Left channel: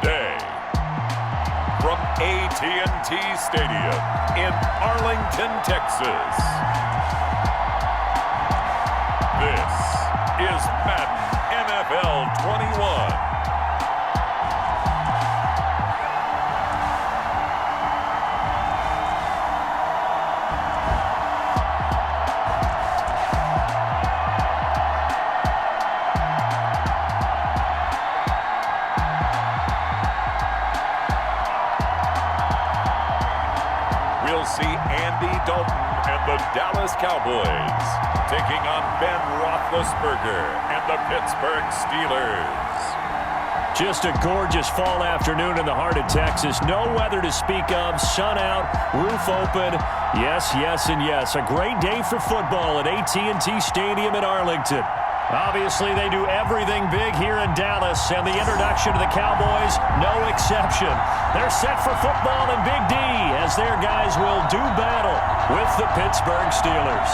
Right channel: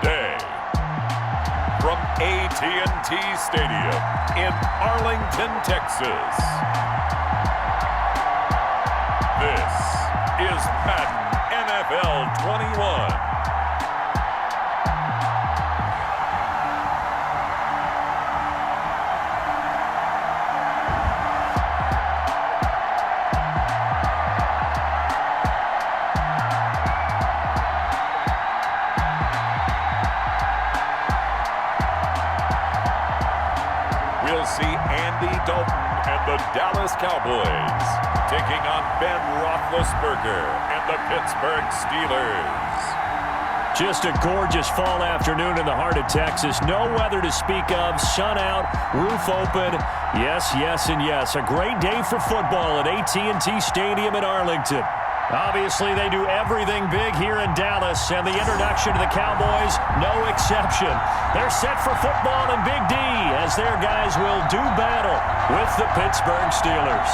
Today, from AT&T Stadium in Arlington, Texas, this is Madden NFL 21. We'll see Andy Dalton and the Dallas Cowboys taking on Ben Roethlisberger and the Pittsburgh Steelers. Just a gorgeous fall afternoon in the heart of Texas. No weather to speak of. Sun out, roof open. Yes, yes, and yes. A great day for football at AT&T Stadium in Arlington. Obviously, they do everything big here in Dallas, and the introduction to the Cowboys, no exception. They're set for football in Big D as their guys will do battle with the Pittsburgh Steelers.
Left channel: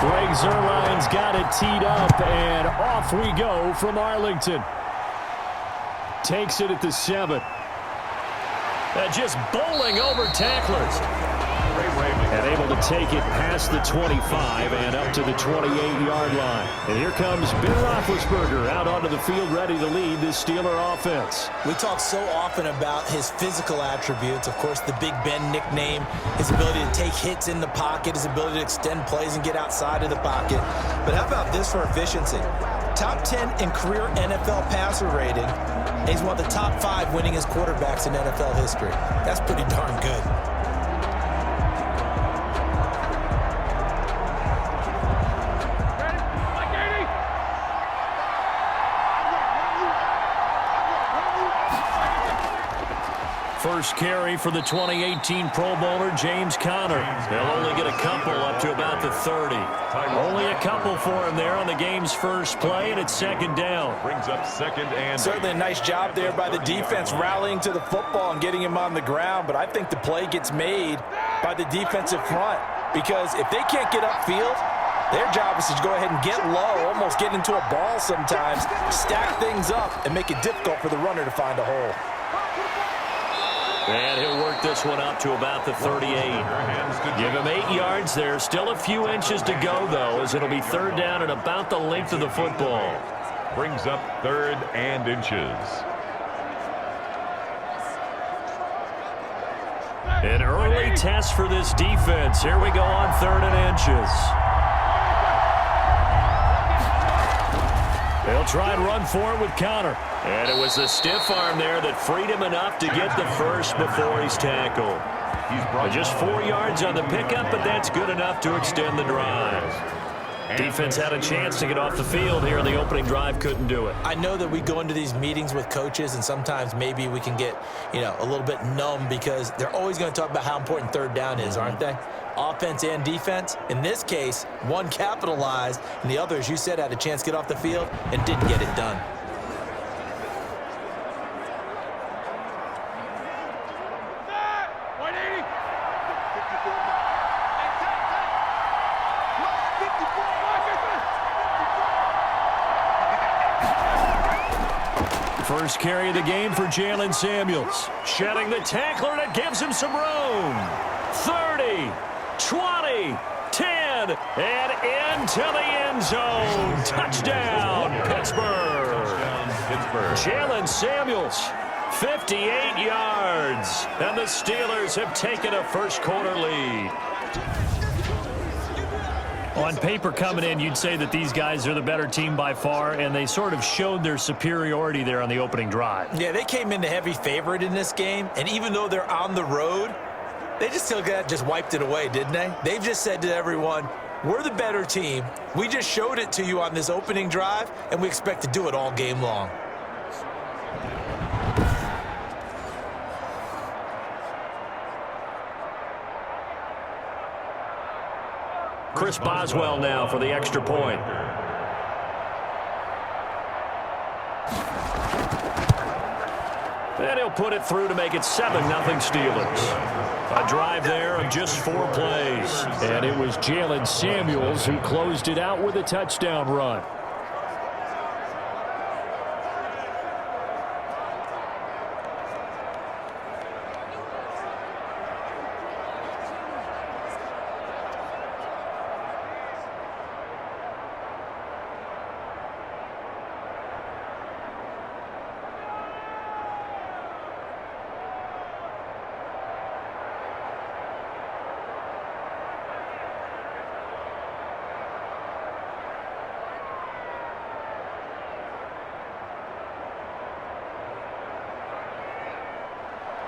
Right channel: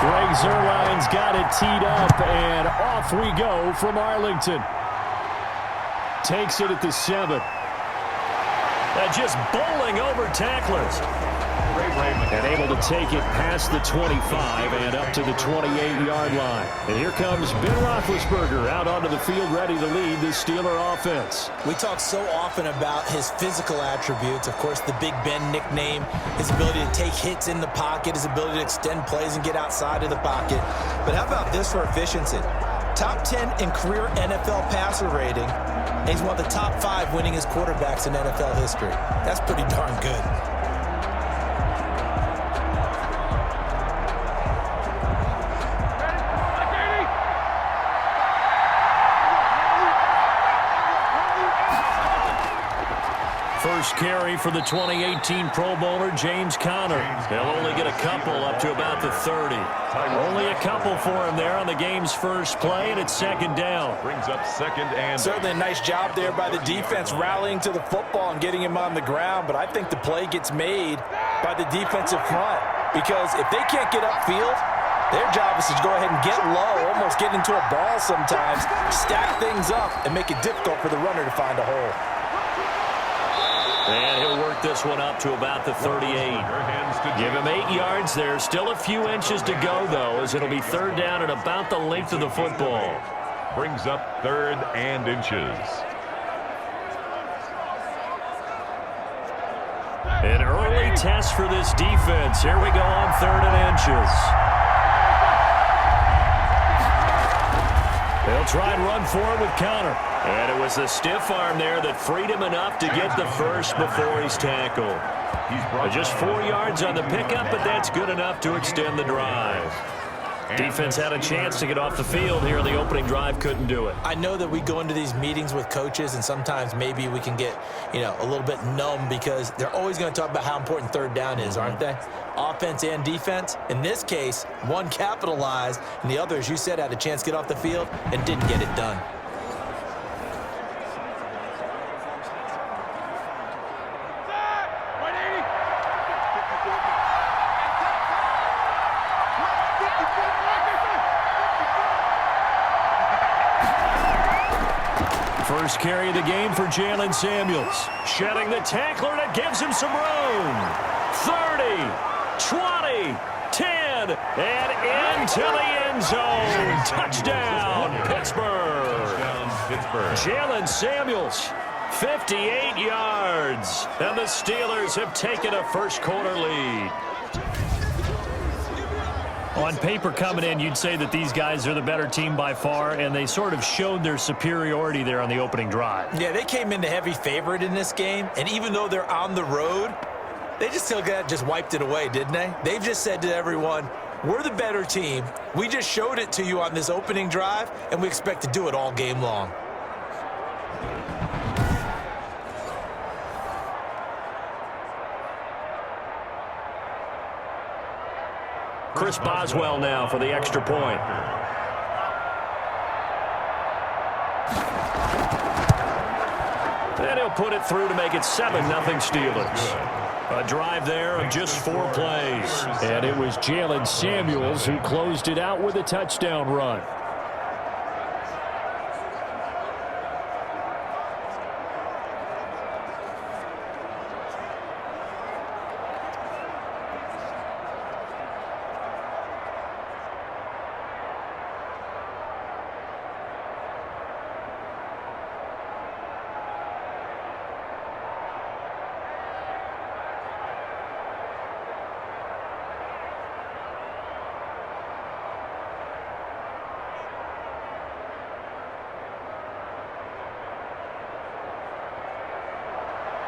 Greg Zuerlein's got it teed up, and off we go from Arlington. Takes it at the 7. Just bowling over tacklers. And able to take it past the 25 and up to the 28-yard line. And here comes Ben Roethlisberger out onto the field ready to lead the Steeler offense. We talk so often about his physical attributes. Of course, the Big Ben nickname, his ability to take hits in the pocket, his ability to extend plays and get outside of the pocket. But how about this for efficiency? Top 10 in career NFL passer rating. And he's one of the top 5 winningest quarterbacks in NFL history. That's pretty darn good. First carry for the 2018 Pro Bowler, James Conner. They'll only get a couple up to about the 30. Only a couple for him there on the game's first play, and it's second down. Brings up second and... Certainly a nice job there by the defense rallying to the football and getting him on the ground, but I think the play gets made by the defensive front because if they can't get upfield, their job is to go ahead and get low, almost get into a ball sometimes, stack things up, and make it difficult for the runner to find a hole. And he'll work this one up to about the 38. Give him 8 yards there. Still a few inches to go, though, as it'll be third down and about the length of the football. Brings up third and inches. An early test for this defense. Here we go on third and inches. They'll try and run forward with Conner. And it was the stiff arm there that freed him enough to get the first before he's tackled. Just 4 yards on the pickup, but that's good enough to extend the drive. Defense had a chance to get off the field here in the opening drive, couldn't do it. I know that we go into these meetings with coaches, and sometimes maybe we can get, a little bit numb because they're always going to talk about how important third down is, aren't they? Offense and defense. In this case, one capitalized, and the other, as you said, had a chance to get off the field and didn't get it done. First carry of the game for Jalen Samuels. Shedding the tackler that gives him some room. 30, 20, 10, and into the end zone. Touchdown, Pittsburgh. Jalen Samuels, 58 yards. And the Steelers have taken a first quarter lead. On paper coming in, you'd say that these guys are the better team by far, and they sort of showed their superiority there on the opening drive. Yeah, they came in the heavy favorite in this game, and even though they're on the road, they just wiped it away, didn't they? They've just said to everyone, we're the better team. We just showed it to you on this opening drive, and we expect to do it all game long. Chris Boswell now for the extra point. And he'll put it through to make it 7-0 Steelers. A drive there of just 4 plays. And it was Jalen Samuels who closed it out with a touchdown run.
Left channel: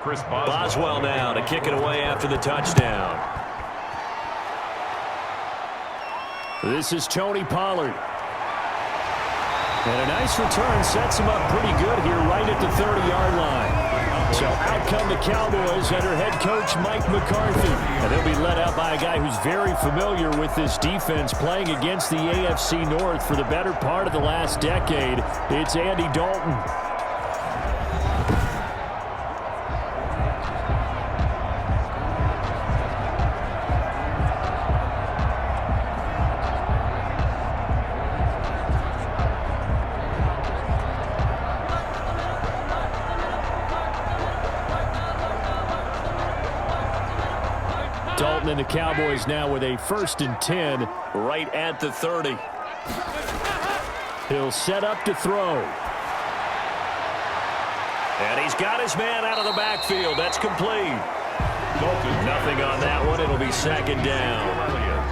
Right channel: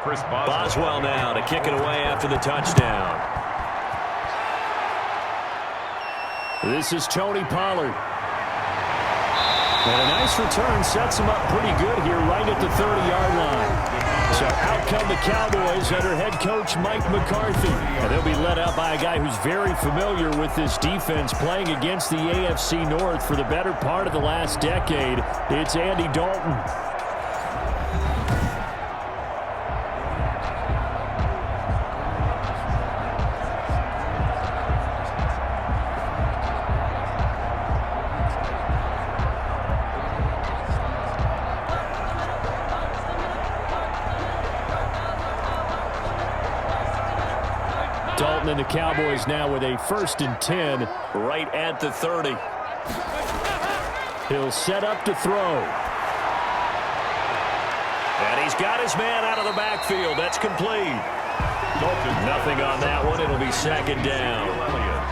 Chris Boswell now to kick it away after the touchdown. This is Tony Pollard. And a nice return sets him up pretty good here right at the 30-yard line. So out come the Cowboys under head coach Mike McCarthy. And they'll be led out by a guy who's very familiar with this defense, playing against the AFC North for the better part of the last decade. It's Andy Dalton. Dalton and the Cowboys now with a 1st and 10 right at the 30. He'll set up to throw. And he's got his man out of the backfield. That's complete. Nothing on that one. It'll be 2nd down.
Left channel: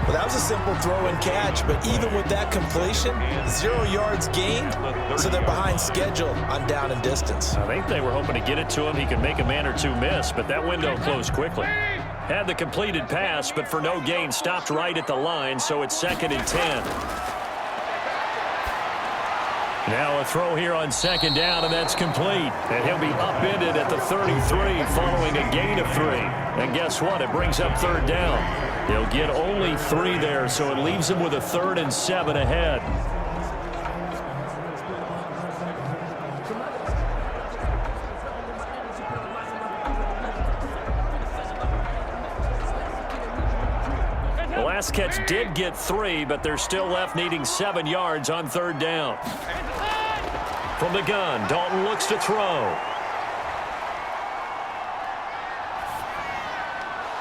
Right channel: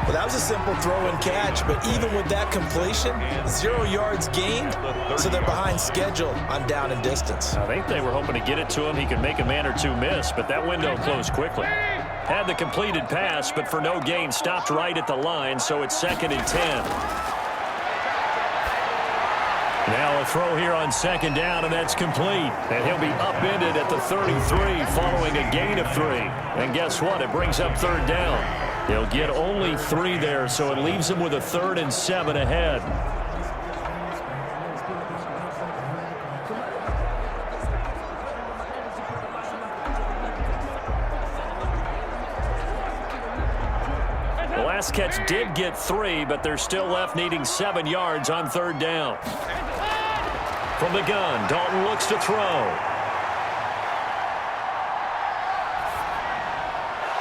Well, that was a simple throw and catch, but even with that completion, 0 yards gained, so they're behind schedule on down and distance. I think they were hoping to get it to him. He could make a man or two miss, but that window closed quickly. Had the completed pass, but for no gain, stopped right at the line, so it's 2nd and 10. Now a throw here on 2nd down, and that's complete. And he'll be upended at the 33 following a gain of 3. And guess what? It brings up 3rd down. He'll get only 3 there, so it leaves him with a 3rd and 7 ahead. The last catch did get 3, but they're still left needing 7 yards on 3rd down. From the gun, Dalton looks to throw.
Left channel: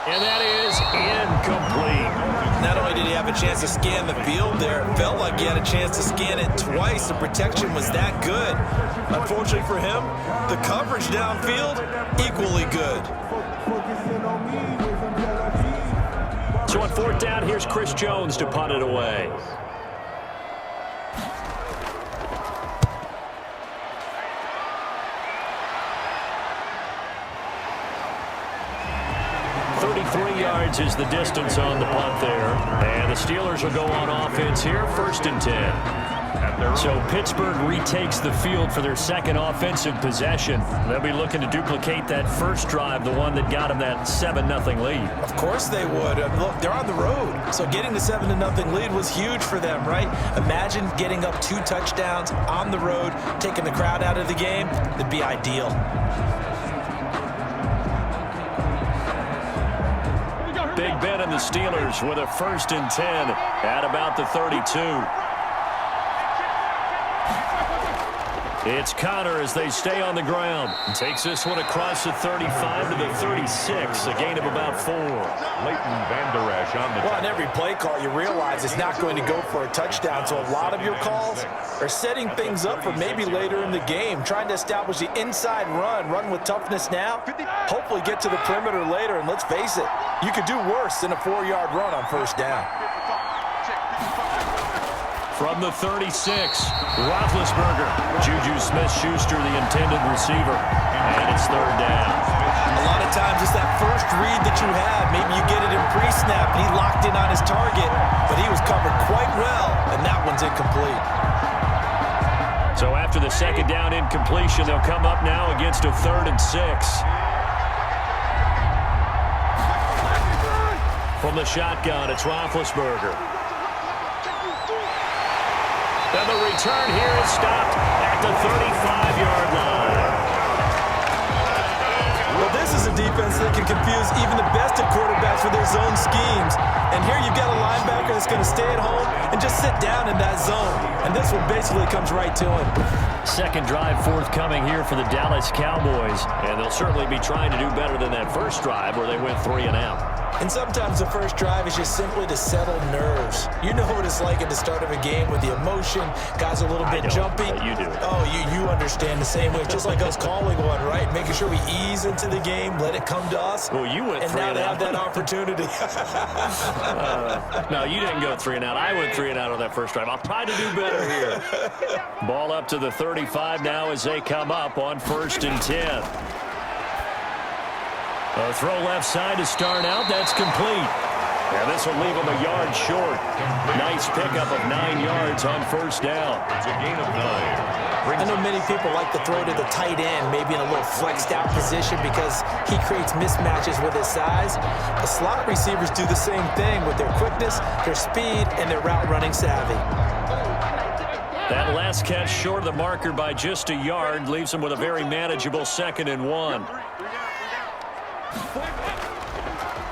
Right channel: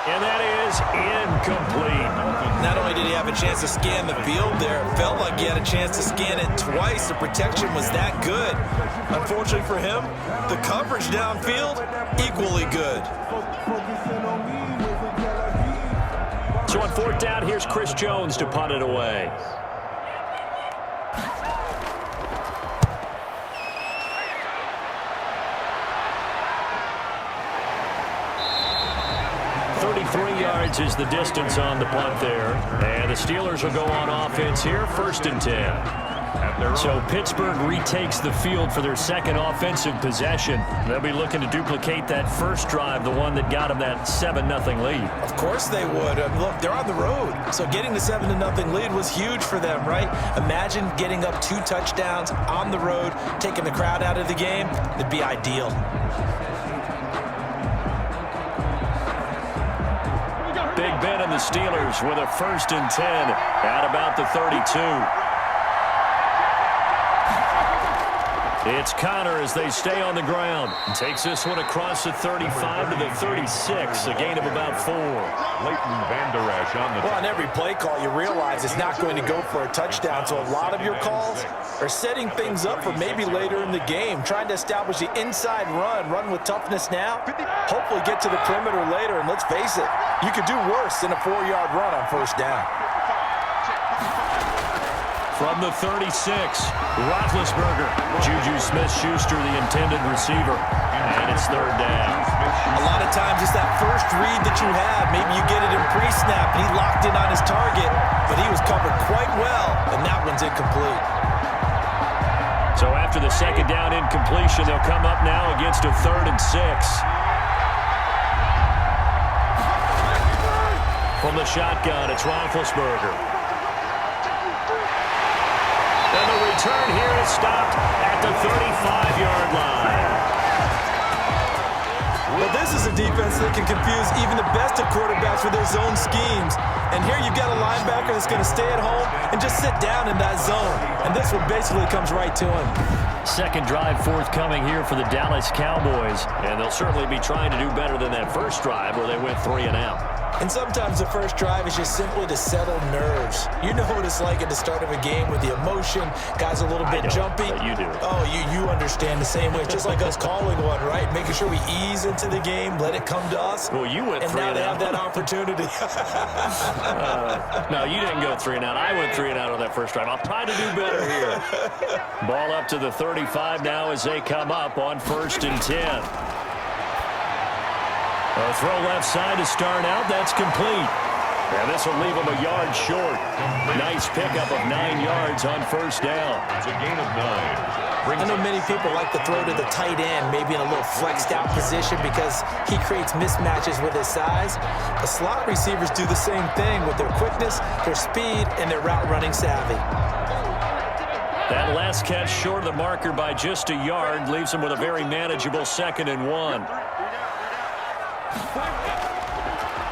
And that is incomplete. Not only did he have a chance to scan the field there, it felt like he had a chance to scan it twice. The protection was that good. Unfortunately for him, the coverage downfield, equally good. So on 4th down, here's Chris Jones to punt it away. Yards is the distance on the punt there. And the Steelers will go on offense here, 1st and 10. So Pittsburgh retakes the field for their 2nd offensive possession. They'll be looking to duplicate that first drive, the one that got them that 7-0 lead. Of course they would. Look, they're on the road. So getting the 7-0 lead was huge for them, right? Imagine getting up 2 touchdowns on the road, taking the crowd out of the game. It'd be ideal. Big Ben and the Steelers with a 1st and 10 at about the 32. It's Connor as they stay on the ground. Takes this one across the 35 to the 36, a gain of about 4. Leighton Vander Esch on the Well, on every play call, you realize it's not going to go for a touchdown, so a lot of your calls are setting things up for maybe later in the game, trying to establish the inside run with toughness now, hopefully get to the perimeter later, and let's face it, you could do worse than a 4-yard run on 1st down. From the 36, Roethlisberger. Juju Smith-Schuster, the intended receiver. And it's 3rd down. A lot of times it's that first read that you have. Maybe you get it in pre-snap, and he locked in on his target, but he was covered quite well, and that one's incomplete. So after the 2nd down incompletion, they'll come up now against a 3rd and 6. From the shotgun, it's Roethlisberger. And the return here is stopped at the 35-yard line. Well, this is a defense that can confuse even the best of quarterbacks with their zone schemes. And here you've got a linebacker that's going to stay at home and just sit down in that zone. And this one basically comes right to him. Second drive forthcoming here for the Dallas Cowboys. And they'll certainly be trying to do better than that first drive where they went 3 and out. And sometimes the first drive is just simply to settle nerves. You know what it's like at the start of a game with the emotion. Guys a little bit jumpy. You do. Oh, you understand the same way. It's just like us calling one, right? Making sure we ease into the game, let it come to us. Well, you went 3 and out. And now they have that opportunity. No, you didn't go 3 and out. I went 3 and out on that first drive. I'll try to do better here. Ball up to the 35 now as they come up on 1st and 10. A throw left side to start out. That's complete. And this will leave him a yard short. Nice pickup of 9 yards on 1st down. It's a gain of 9. I know many people like to throw to the tight end, maybe in a little flexed out position because he creates mismatches with his size. The slot receivers do the same thing with their quickness, their speed, and their route running savvy. That last catch short of the marker by just a yard leaves him with a very manageable 2nd and 1.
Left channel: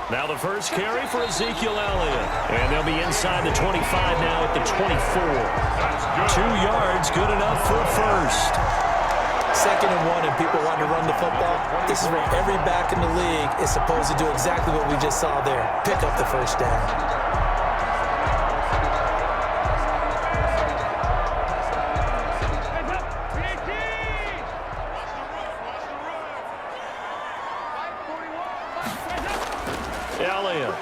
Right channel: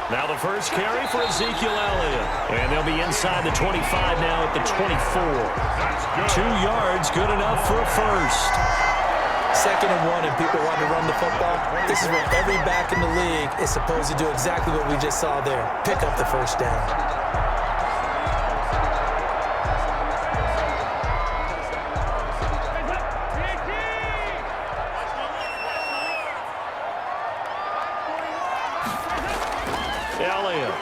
Now the first carry for Ezekiel Elliott. And they'll be inside the 25 now at the 24. 2 yards, good enough for a first. 2nd and 1 and people want to run the football. This is where every back in the league is supposed to do exactly what we just saw there. Pick up the first down. Elliott.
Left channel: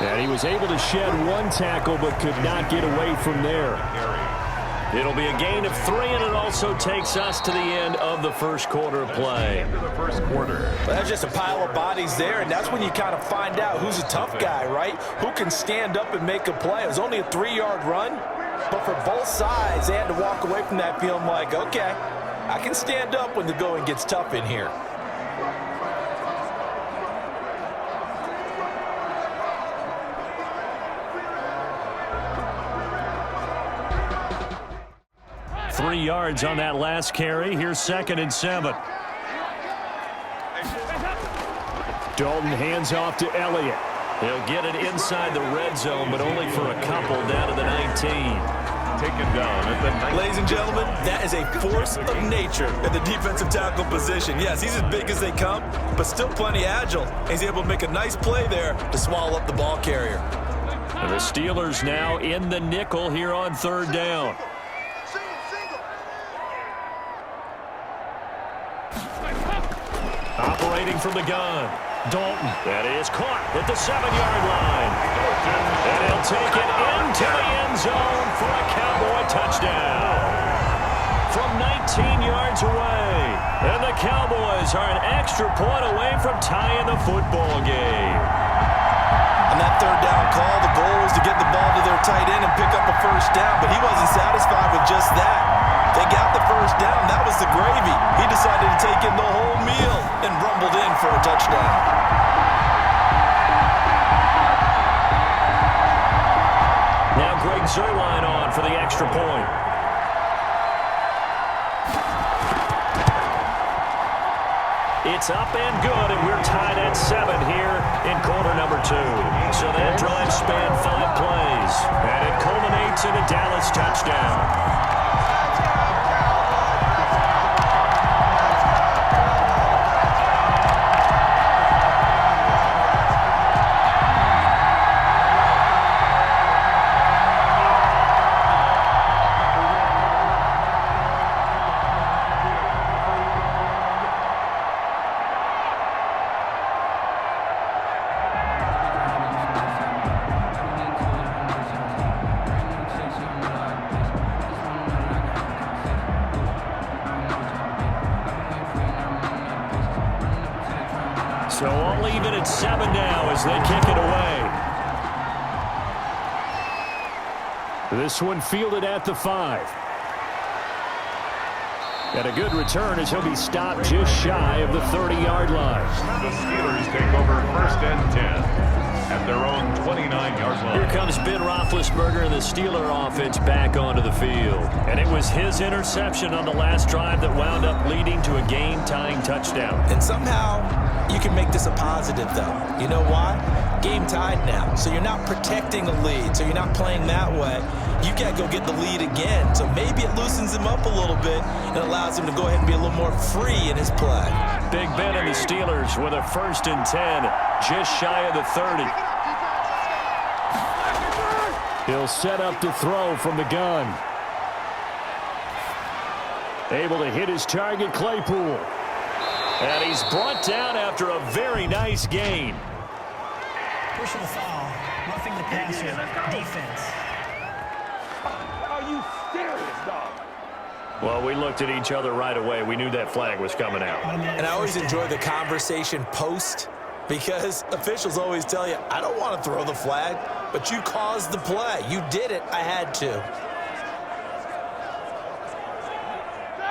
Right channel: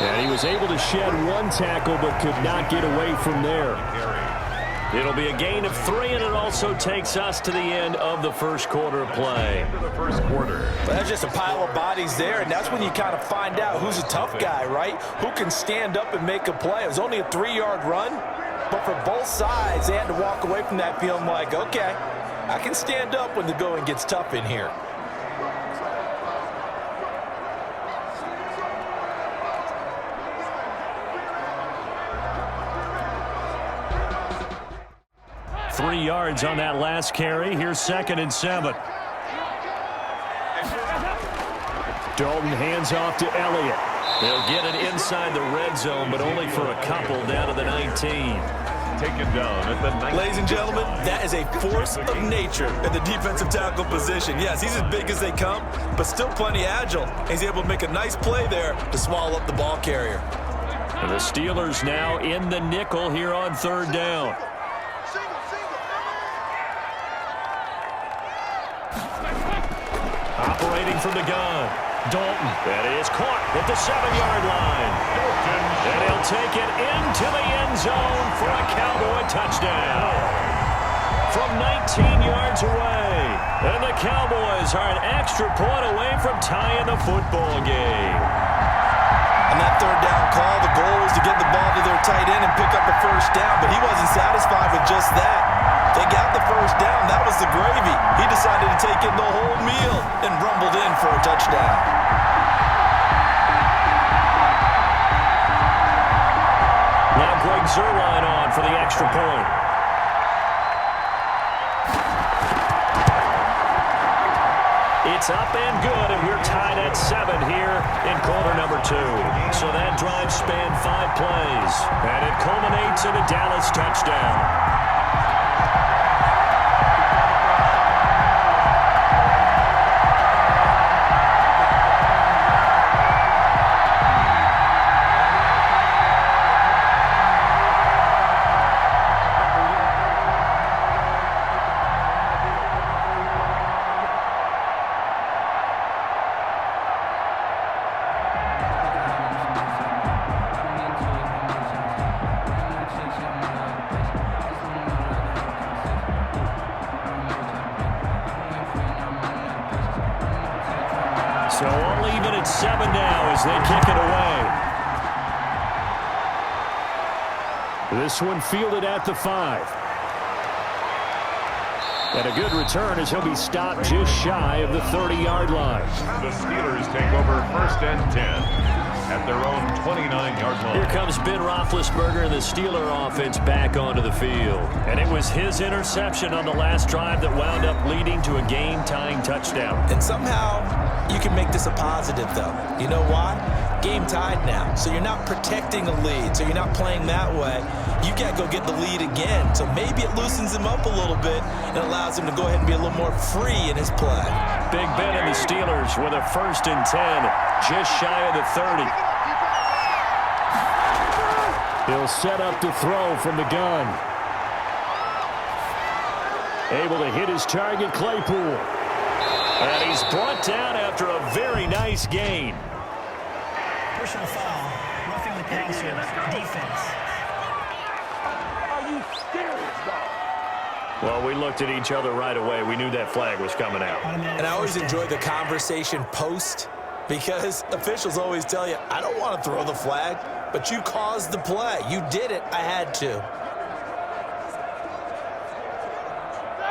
And he was able to shed 1 tackle but could not get away from there. It'll be a gain of 3, and it also takes us to the end of the first quarter of play. Well, that's just a pile of bodies there, and that's when you kind of find out who's a tough guy, right? Who can stand up and make a play. It was only a 3-yard run, but for both sides, they had to walk away from that feeling like, okay, I can stand up when the going gets tough in here. Three yards on that last carry. Here's 2nd and 7. Dalton hands off to Elliott. He'll get it inside the red zone, but only for a couple down to the 19. Taken down at the 19. Ladies and gentlemen, that is a force of nature in the defensive tackle position. Yes, he's as big as they come, but still plenty agile. He's able to make a nice play there to swallow up the ball carrier. And the Steelers now in the nickel here on 3rd down. Operating from the gun, Dalton. That is caught at the 7-yard line. And he'll take it into the end zone for a Cowboy touchdown. From 19 yards away. And the Cowboys are an extra point away from tying the football game. On that 3rd down call, the goal was to get the ball to their tight end and pick up a first down, but he wasn't satisfied with just that. They got the first down. That was the gravy. He decided to take in the whole meal and rumbled in for a touchdown. Now Greg Zuerlein on for the extra point. It's up and good, and we're tied at 7 here in quarter number 2. So that drive spanned 5 plays, and it culminates in a Dallas touchdown. So I'll leave it at 7 now as they kick it away. This one fielded at the 5. And a good return as he'll be stopped just shy of the 30-yard line. The Steelers take over 1st and 10 at their own 29-yard line. Here comes Ben Roethlisberger and the Steeler offense back onto the field. And it was his interception on the last drive that wound up leading to a game-tying touchdown. And somehow you can make this a positive, though. You know why? Game tied now. So you're not protecting a lead. So you're not playing that way. You got to go get the lead again. So maybe it loosens him up a little bit and allows him to go ahead and be a little more free in his play. Big Ben and the Steelers with a 1st and 10, just shy of the 30. He'll set up to throw from the gun. Able to hit his target, Claypool. And he's brought down after a very nice gain. Personal foul, roughing the passer, defense. Are you serious, dog? Well, we looked at each other right away. We knew that flag was coming out. And I always enjoy the conversation post because officials always tell you, I don't want to throw the flag, but you caused the play. You did it. I had to.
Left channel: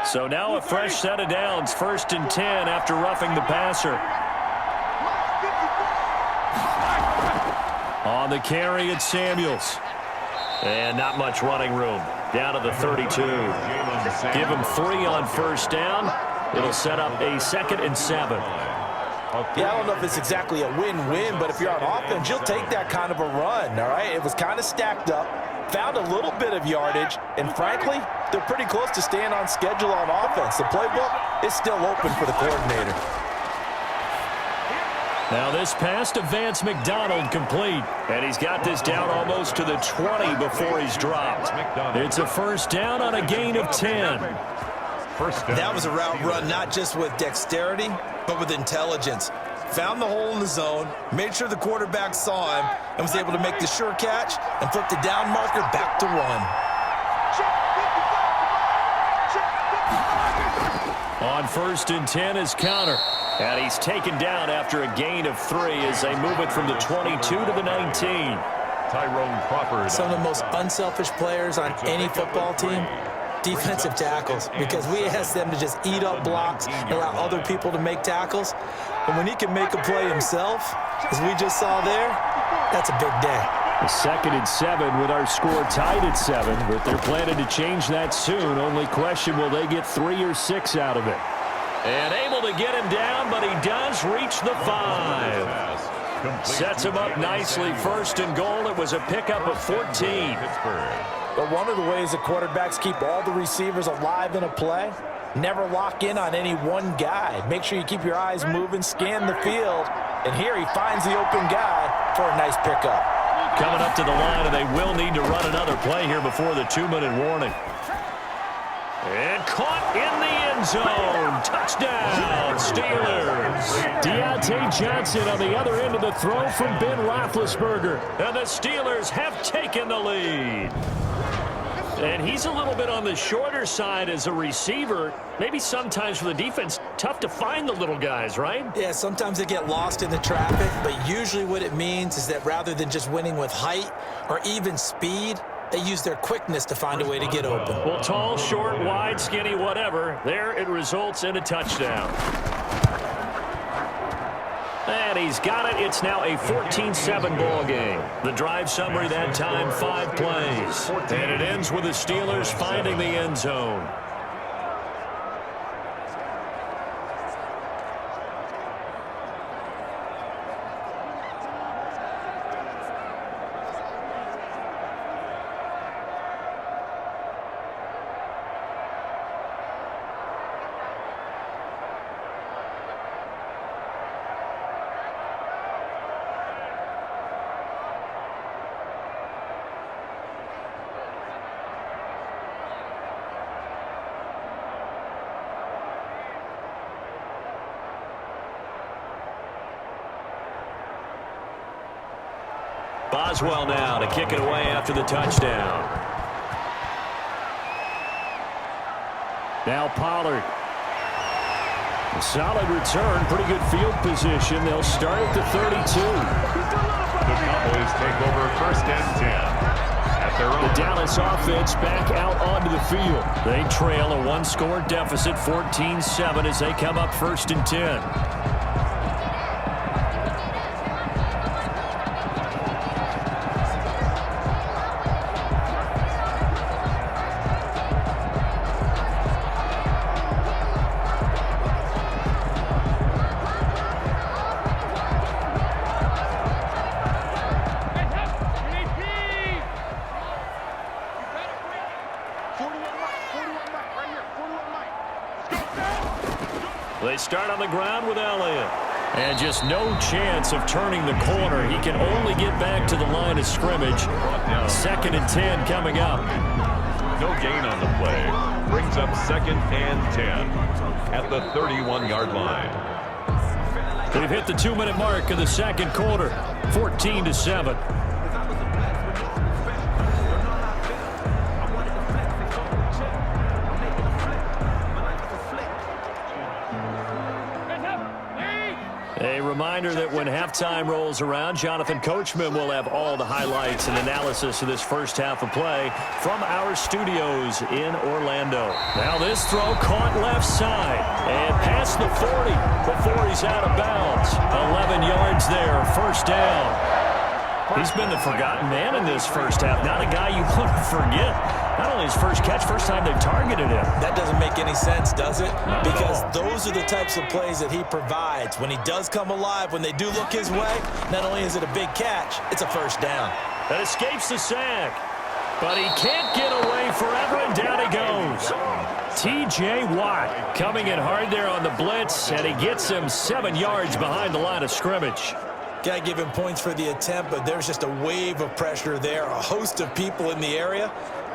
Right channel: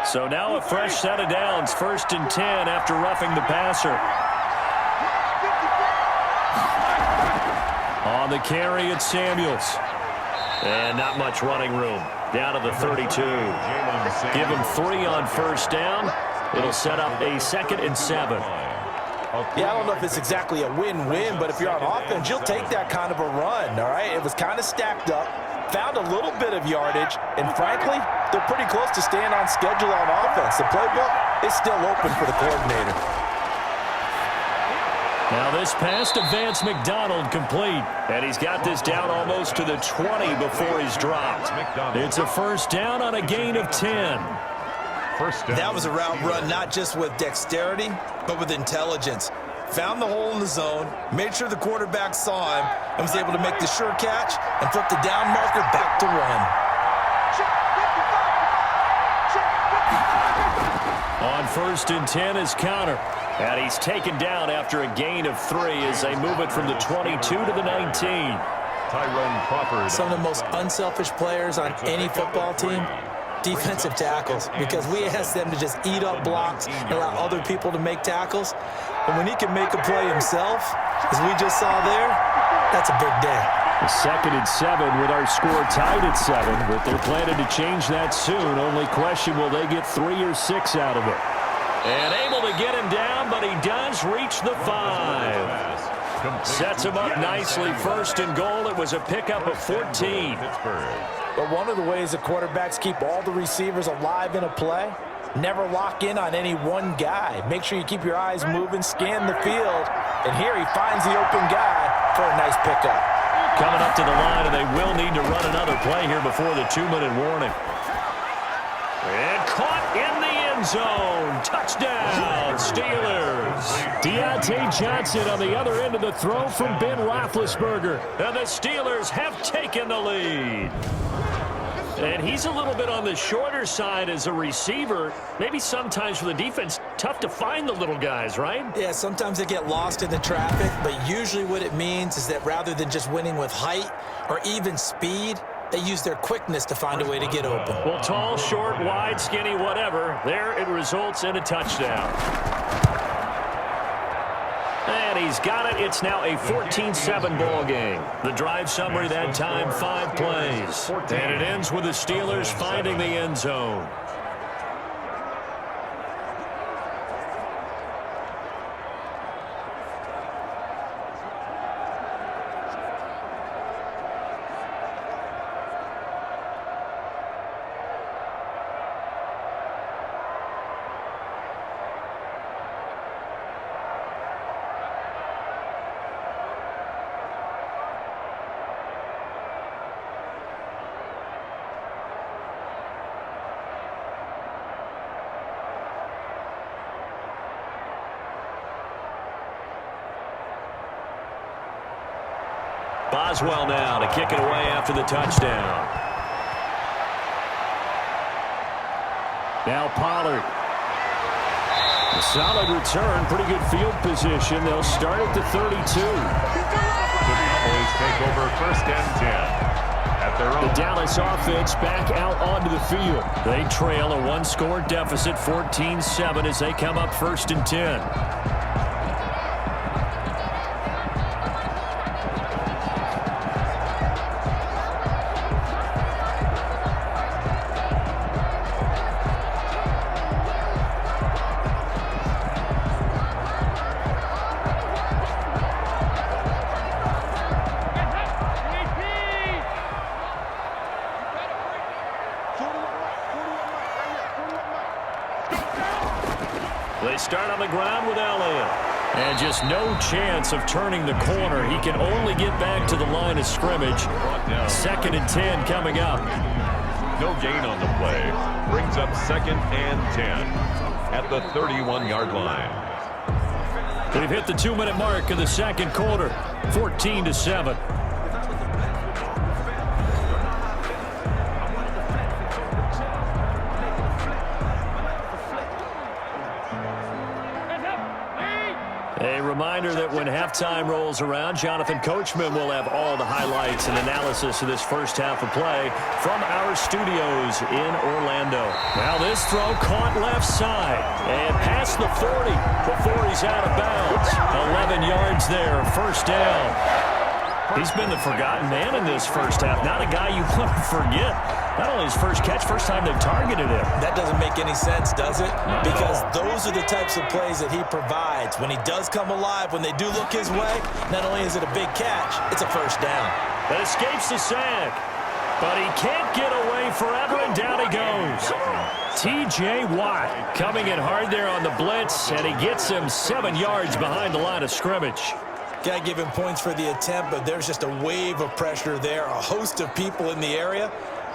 So now a fresh set of downs, 1st and 10 after roughing the passer. On the carry, it's Samuels. And not much running room. Down to the 32. Give him 3 on 1st down. It'll set up a 2nd and 7. Yeah, I don't know if it's exactly a win-win, but if you're on offense, you'll take that kind of a run, all right? It was kind of stacked up, found a little bit of yardage, and frankly, they're pretty close to staying on schedule on offense. The playbook is still open for the coordinator. Now this pass to Vance McDonald complete. And he's got this down almost to the 20 before he's dropped. It's a 1st down on a gain of 10. That was a route run not just with dexterity, but with intelligence. Found the hole in the zone, made sure the quarterback saw him, and was able to make the sure catch and flip the down marker back to 1. On 1st and 10 is Connor. And he's taken down after a gain of 3 as they move it from the 22 to the 19. Tyrone Crawford. Some of the most unselfish players on any football team, defensive tackles, because we ask them to just eat up blocks and allow other people to make tackles. But when he can make a play himself, as we just saw there, that's a big day. The 2nd and 7 with our score tied at 7, but they're planning to change that soon. Only question, will they get 3 or 6 out of it? And able to get him down, but he does reach the 5. Sets him up nicely. 1st and goal. It was a pickup of 14. But one of the ways the quarterbacks keep all the receivers alive in a play, never lock in on any one guy. Make sure you keep your eyes moving, scan the field. And here he finds the open guy for a nice pickup. Coming up to the line, and they will need to run another play here before the 2-minute warning. And caught in the end zone. Touchdown, Steelers. Deontay Johnson on the other end of the throw from Ben Roethlisberger. And the Steelers have taken the lead. And he's a little bit on the shorter side as a receiver. Maybe sometimes for the defense, tough to find the little guys, right? Yeah, sometimes they get lost in the traffic, but usually what it means is that rather than just winning with height or even speed, they use their quickness to find a way to get open. Well, tall, short, wide, skinny, whatever. There it results in a touchdown. And he's got it. It's now a 14-7 ball game. The drive summary that time, 5 plays. And it ends with the Steelers finding the end zone. Boswell now to kick it away after the touchdown. Now Pollard. A solid return, pretty good field position. They'll start at the 32. The Cowboys take over 1st and 10 at at their own. The Dallas offense back out onto the field. They trail a one-score deficit, 14-7, as they come up 1st and 10. They start on the ground with Elliott. And just no chance of turning the corner. He can only get back to the line of scrimmage. 2nd and 10 coming up. No gain on the play. Brings up 2nd and 10 at the 31-yard line. They've hit the 2-minute mark of the 2nd quarter. 14-7. A reminder that when halftime rolls around, Jonathan Coachman will have all the highlights and analysis of this first half of play from our studios in Orlando. Now this throw caught left side and past the 40 before he's out of bounds. 11 yards there, 1st down. He's been the forgotten man in this first half. Not a guy you want to forget. Not only his first catch, first time they've targeted him. That doesn't make any sense, does it? Not because at all. those are the types of plays that he provides. When he does come alive, when they do look his way, not only is it a big catch, it's a 1st down. That escapes the sack. But he can't get away forever, and down he goes. T.J. Watt coming in hard there on the blitz, and he gets him 7 yards behind the line of scrimmage. Got to give him points for the attempt, but there's just a wave of pressure there. A host of people in the area.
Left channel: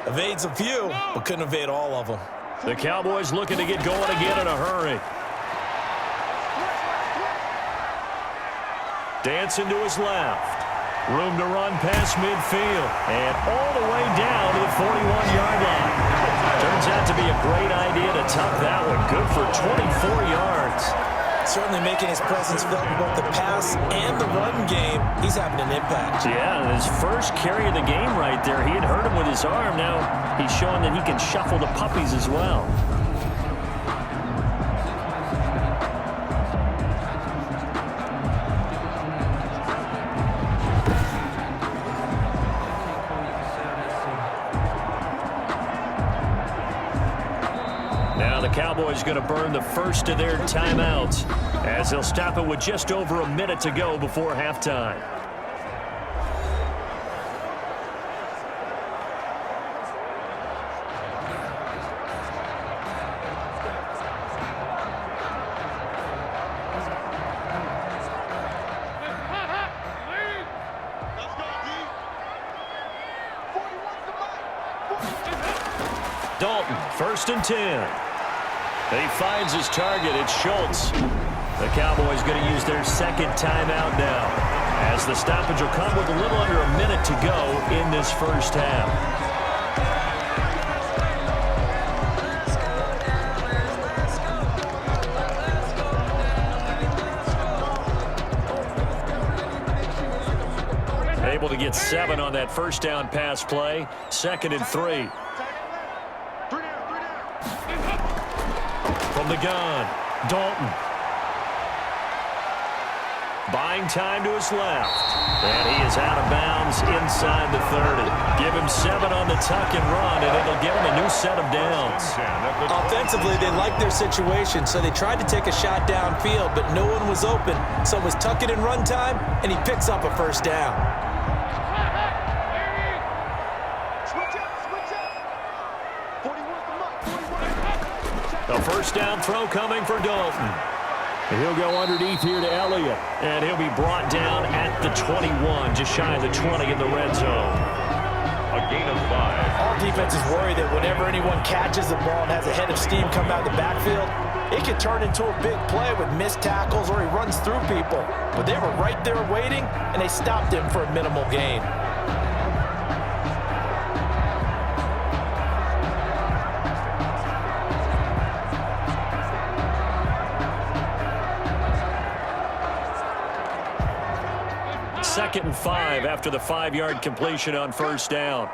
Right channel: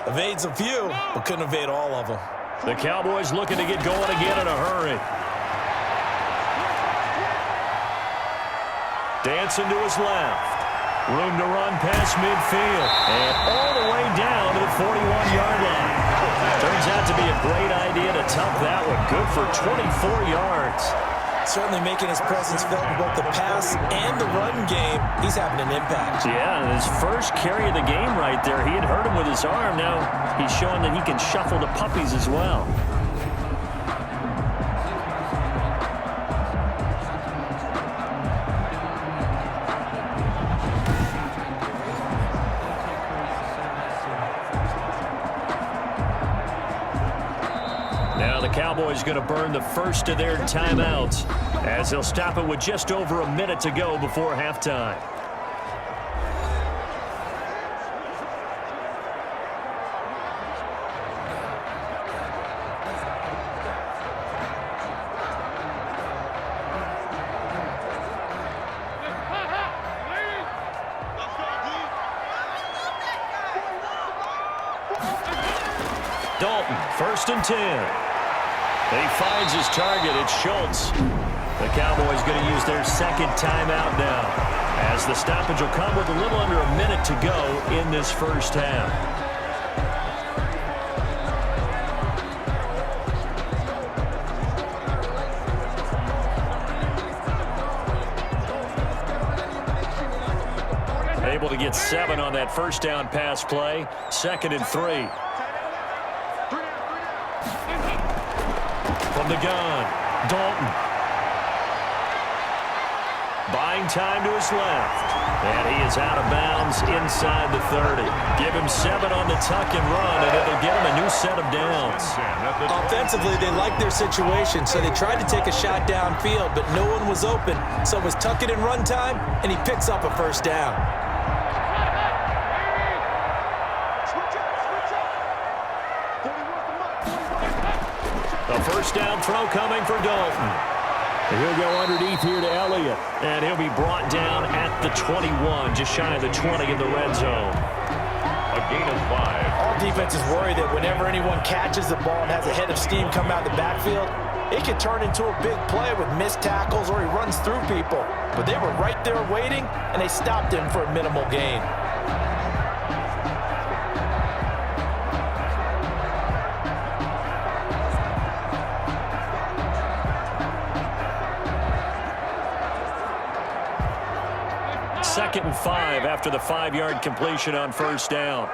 Evades a few, but couldn't evade all of them. The Cowboys looking to get going again in a hurry. Dancing to his left. Room to run past midfield. And all the way down to the 41-yard line. Turns out to be a great idea to tuck that one. Good for 24 yards. Certainly making his presence felt in both the pass and the run game. He's having an impact. Yeah, and his first carry of the game right there. He had hurt him with his arm. Now he's showing that he can shuffle the puppies as well. Now the Cowboys going to burn the first of their timeouts as they'll stop it with just over a minute to go before halftime. Dalton, 1st and 10. He finds his target. It's Schultz. The Cowboys going to use their 2nd timeout now, as the stoppage will come with a little under a minute to go in this first half. Able to get 7 on that 1st down pass play. 2nd and 3. From the gun, Dalton. Buying time to his left. And he is out of bounds inside the 30. Give him 7 on the tuck and run, and it'll get him a new set of downs. Offensively, they liked their situation, so they tried to take a shot downfield, but no one was open. So it was tuck it and run time, and he picks up a 1st down. The 1st down throw coming for Dalton. He'll go underneath here to Elliott, and he'll be brought down at the 21, just shy of the 20 in the red zone. A gain of 5. All defenses worry that whenever anyone catches the ball and has a head of steam come out of the backfield, it could turn into a big play with missed tackles or he runs through people. But they were right there waiting, and they stopped him for a minimal gain. Second and 5 after the 5-yard completion on 1st down.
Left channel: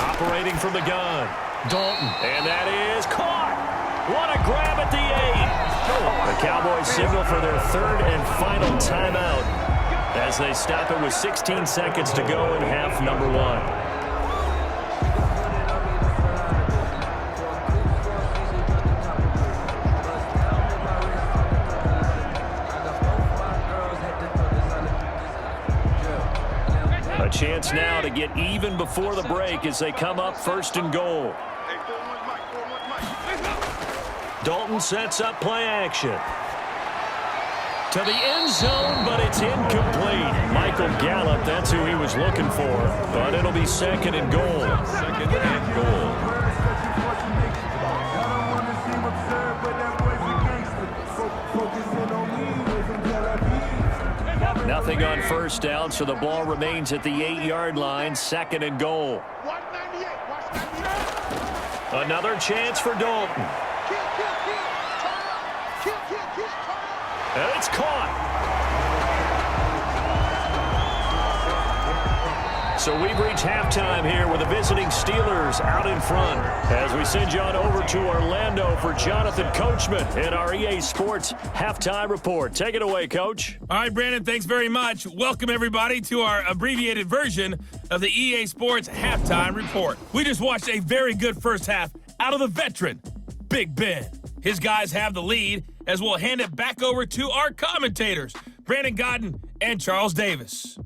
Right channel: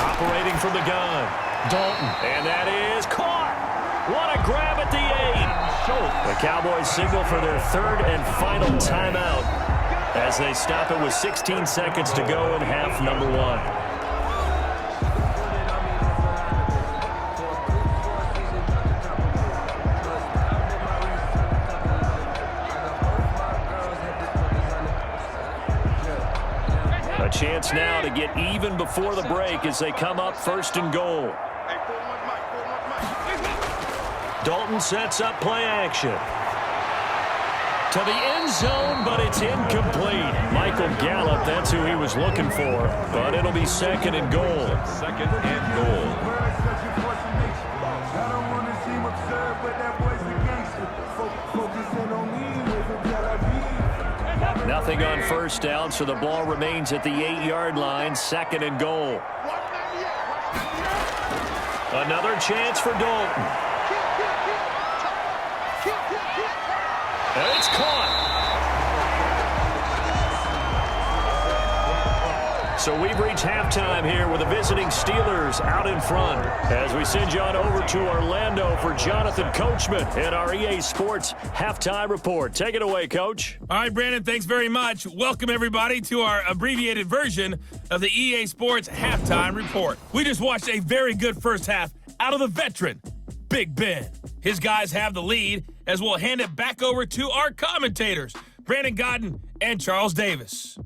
Operating from the gun. Dalton. And that is caught. What a grab at the 8. The Cowboys signal for their third and final timeout as they stop it with 16 seconds to go in half number 1. A chance now to get even before the break as they come up 1st and goal. Dalton sets up play action. To the end zone, but it's incomplete. Michael Gallup, that's who he was looking for, but it'll be 2nd and goal. 2nd and goal. Nothing on 1st down, so the ball remains at the 8-yard line. 2nd and goal. Another chance for Dalton. And it's caught. So we've reached halftime here with the visiting Steelers out in front. As we send you on over to Orlando for Jonathan Coachman in our EA Sports Halftime Report. Take it away, Coach. All right, Brandon, thanks very much. Welcome, everybody, to our abbreviated version of the EA Sports Halftime Report. We just watched a very good first half out of the veteran, Big Ben. His guys have the lead as we'll hand it back over to our commentators, Brandon Godden and Charles Davis.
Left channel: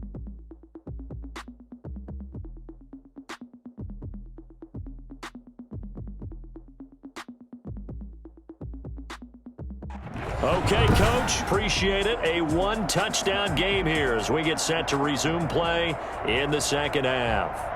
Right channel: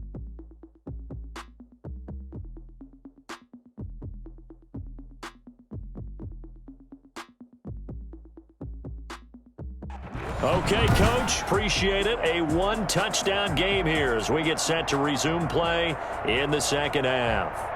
Okay, Coach, appreciate it. A 1-touchdown game here as we get set to resume play in the second half.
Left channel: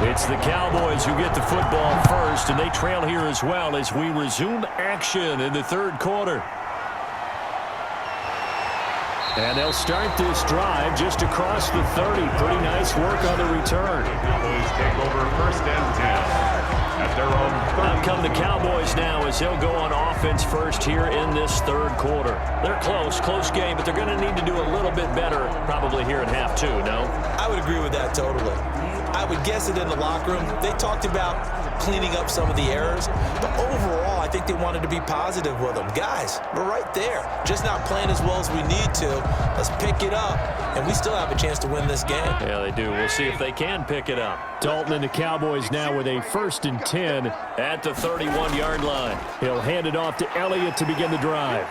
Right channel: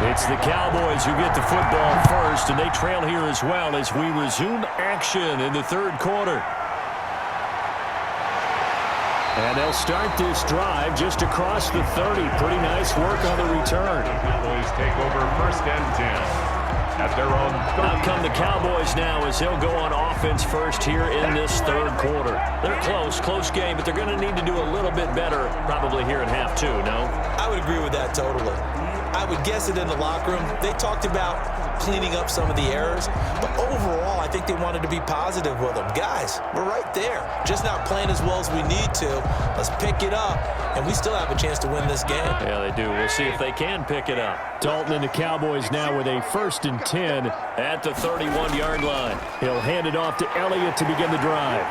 It's the Cowboys who get the football first, and they trail here as well as we resume action in the third quarter. And they'll start this drive just across the 30. Pretty nice work on the return. Cowboys take over 1st and 10 at their own 30. Out come the Cowboys now as they'll go on offense first here in this third quarter. They're close game, but they're going to need to do a little bit better probably here in half 2, no? I would agree with that totally. I would guess it in the locker room. They talked about cleaning up some of the errors, but overall, I think they wanted to be positive with them. Guys, we're right there. Just not playing as well as we need to. Let's pick it up, and we still have a chance to win this game. Yeah, they do. We'll see if they can pick it up. Dalton and the Cowboys now with a 1st and 10 at the 31-yard line. He'll hand it off to Elliott to begin the drive.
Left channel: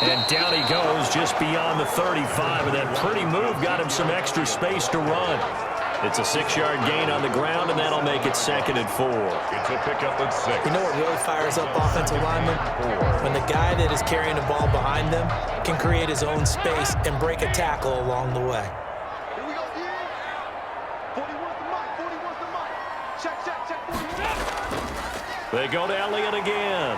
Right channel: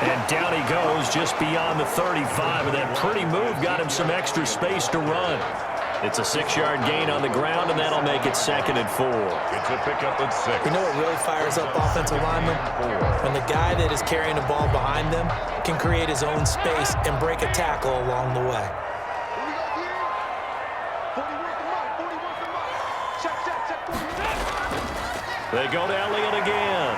And down he goes just beyond the 35, and that pretty move got him some extra space to run. It's a 6-yard gain on the ground, and that'll make it 2nd and 4. It's a pickup at 6. You know what really fires up offensive linemen? When the guy that is carrying the ball behind them can create his own space and break a tackle along the way. Here we go, again. 40 wants the mic. 40 wants the mic. Check. 40. They go to Elliott again.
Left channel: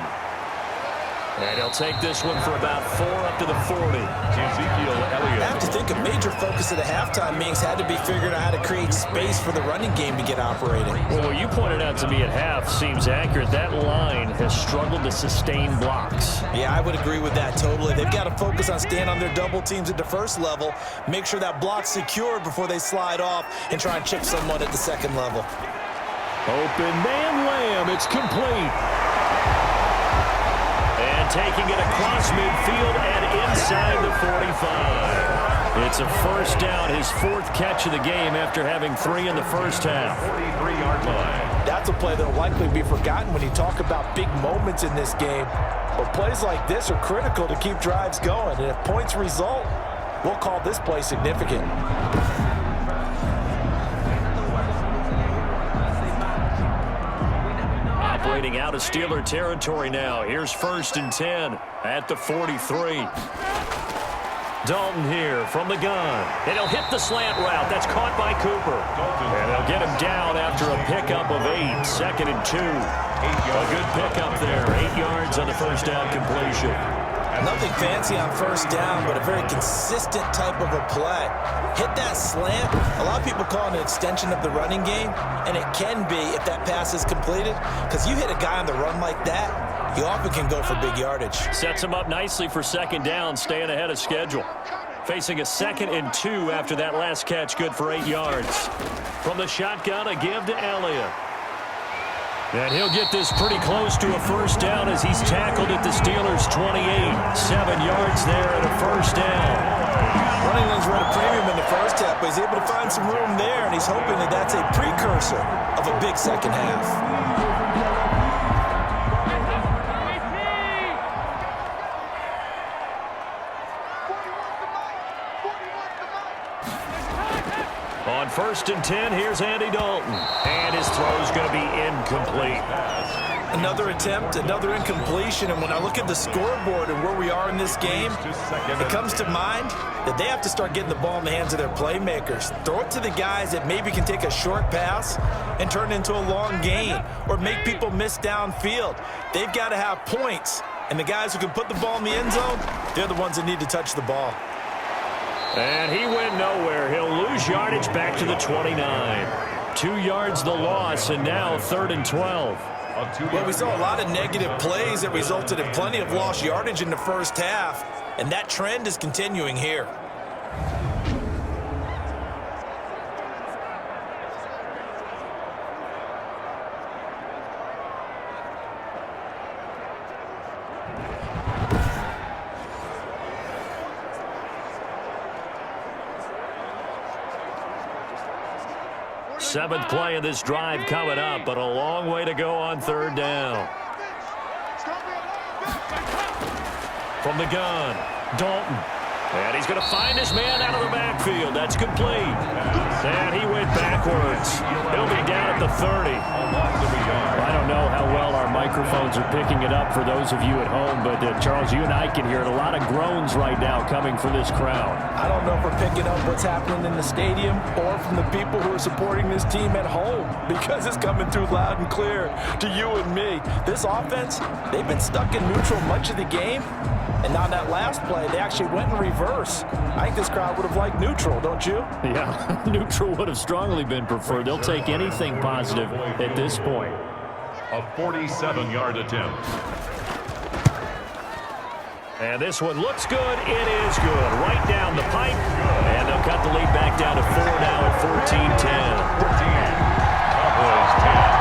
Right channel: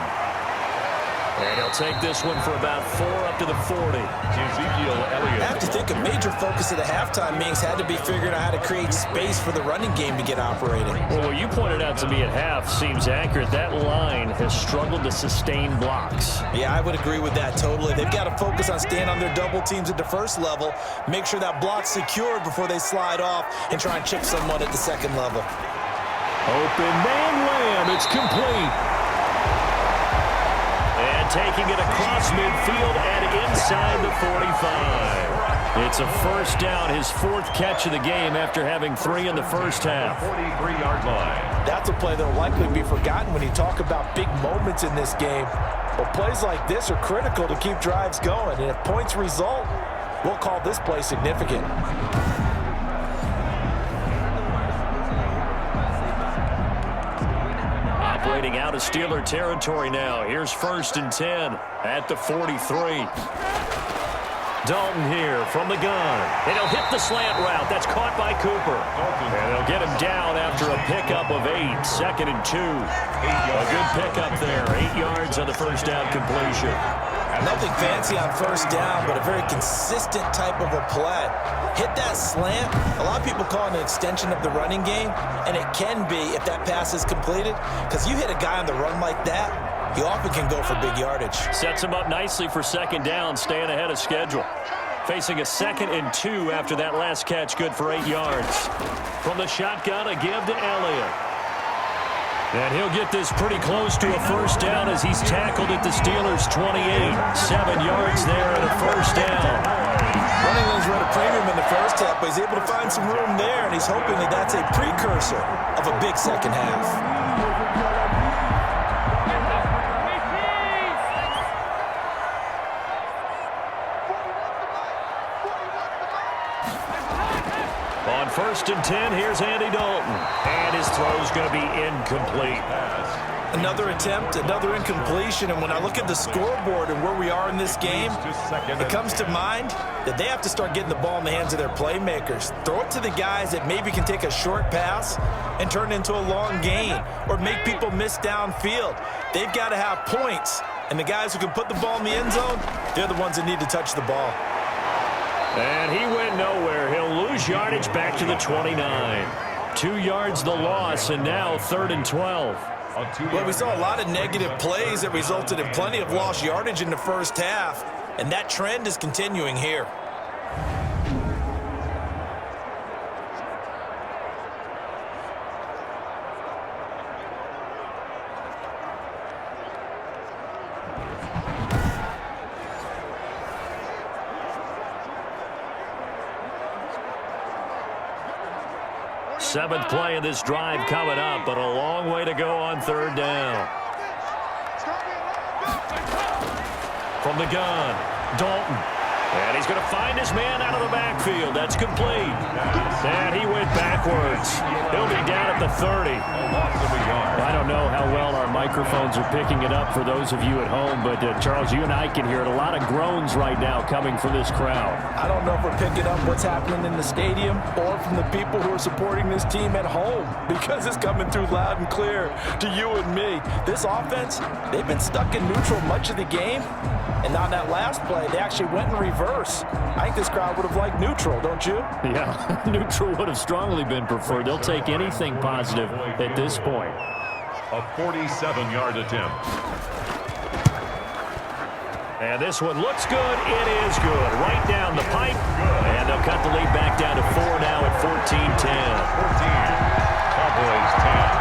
And he'll take this one for about 4 up to the 40. Ezekiel Elliott. I have to think a major focus of the halftime meetings had to be figuring out how to create space for the running game to get operating. Well, what you pointed out to me at half seems accurate. That line has struggled to sustain blocks. Yeah, I would agree with that totally. They've got to focus on staying on their double teams at the first level, make sure that block's secured before they slide off and try and chip someone at the second level. Open man Lamb. It's complete. And taking it across midfield and inside the 45. It's a 1st down, his 4th catch of the game after having 3 in the first half. 43-yard line. That's a play that will likely be forgotten when you talk about big moments in this game. But plays like this are critical to keep drives going. And if points result, we'll call this play significant. Operating out of Steeler territory now. Here's 1st and 10 at the 43. Dalton here from the gun. And he'll hit the slant route. That's caught by Cooper. And they'll get him down after a pickup of 8. 2nd and 2. A good pickup there. 8 yards on the first down completion. Nothing fancy on first down, but a very consistent type of a play. Hit that slant. A lot of people call it an extension of the running game, and it can be if that pass is completed, because you hit a guy on the run like that, he often can go for big yardage. Sets him up nicely for 2nd down, staying ahead of schedule. Facing a 2nd and 2 after that last catch, good for 8 yards. From the shotgun, a give to Elliott. And he'll get this pretty close to a first down as he's tackled at the Steelers' 28. 7 yards there and a first down. Running lanes were at a premium in the first half, but he's able to find some room there, and he's hoping that that's a precursor of a big second half. On 1st and 10, here's Andy Dalton. And his throw's going to be incomplete. Another attempt, another incompletion, and when I look at the scoreboard and where we are in this game, it comes to mind that they have to start getting the ball in the hands of their playmakers. Throw it to the guys that maybe can take a short pass and turn it into a long gain or make people miss downfield. They've got to have points, and the guys who can put the ball in the end zone, they're the ones that need to touch the ball. And he went nowhere. He'll lose yardage back to the 29. 2 yards the loss, and now 3rd and 12. Well, we saw a lot of negative plays that resulted in plenty of lost yardage in the first half, and that trend is continuing here. Seventh play of this drive coming up, but a long way to go on 3rd down. From the gun, Dalton. And he's going to find his man out of the backfield. That's complete. And he went backwards. He'll be down at the 30. I don't know how well our microphones are picking it up for those of you at home, but Charles, you and I can hear it. A lot of groans right now coming from this crowd. I don't know if we're picking up what's happening in the stadium or from the people who are supporting this team at home, because it's coming through loud and clear to you and me. This offense, they've been stuck in neutral much of the game. And on that last play, they actually went in reverse. I think this crowd would have liked neutral, don't you? Yeah, neutral would have strongly been preferred. They'll take anything positive at this point. A 47-yard attempt. And this one looks good. It is good. Right down the pipe. And they'll cut the lead back down to 4 now at 14-10. 14. Cowboys 10.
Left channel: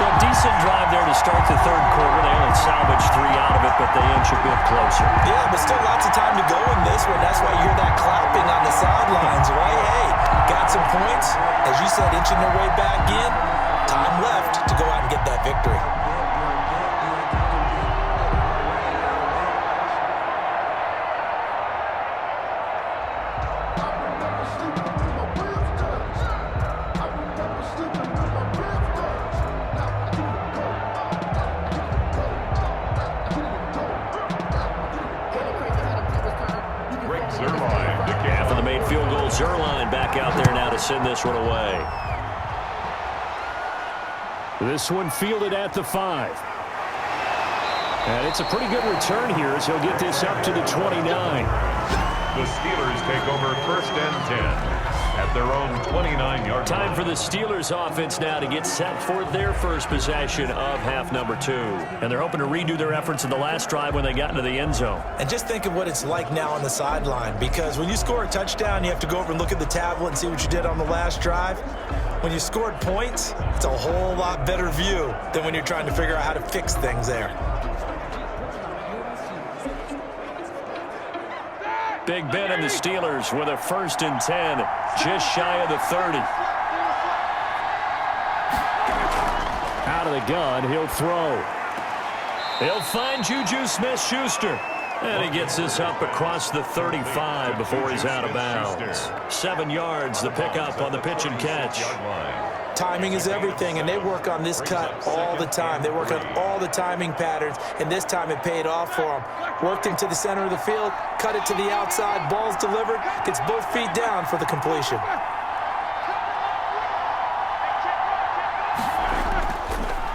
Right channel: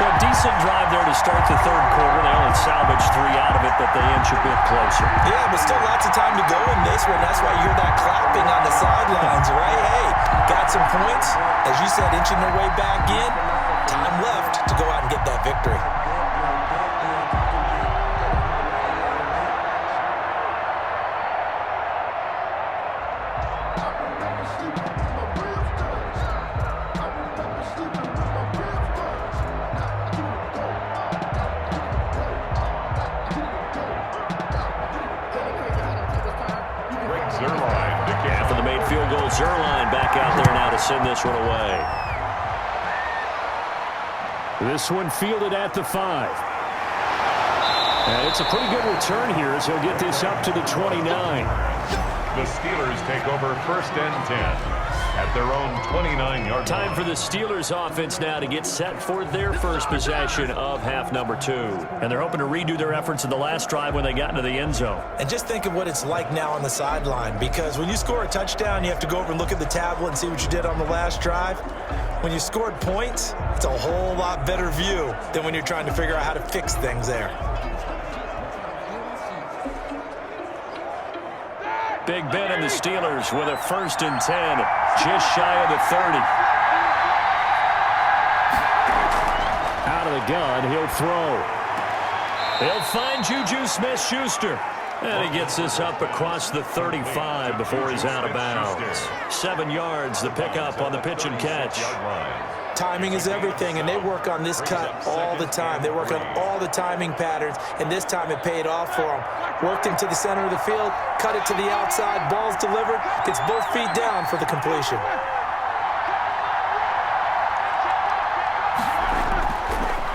So a decent drive there to start the 3rd quarter. They only salvaged 3 out of it, but they inch a bit closer. Yeah, but still lots of time to go in this one. That's why you hear that clapping on the sidelines, right? Hey, got some points. As you said, inching their way back in. Time left to go out and get that victory. After the made field goal, Zerline back out there now to send this one away. This one fielded at the 5. And it's a pretty good return here as he'll get this up to the 29. The Steelers take over 1st and 10 at their own 29-yard line. Time for the Steelers offense now to get set for their first possession of half number 2. And they're hoping to redo their efforts in the last drive when they got into the end zone. And just think of what it's like now on the sideline, because when you score a touchdown, you have to go over and look at the tablet and see what you did on the last drive. When you scored points, it's a whole lot better view than when you're trying to figure out how to fix things there. Big Ben and the Steelers with a 1st and 10, just shy of the 30. Out of the gun, he'll throw. He'll find Juju Smith-Schuster. And he gets this up across the 35 before he's out of bounds. 7 yards, the pickup on the pitch and catch. Timing is everything, and they work on this cut all the time. They work on all the timing patterns, and this time it paid off for them. Worked into the center of the field, cut it to the outside, ball's delivered, gets both feet down for the completion.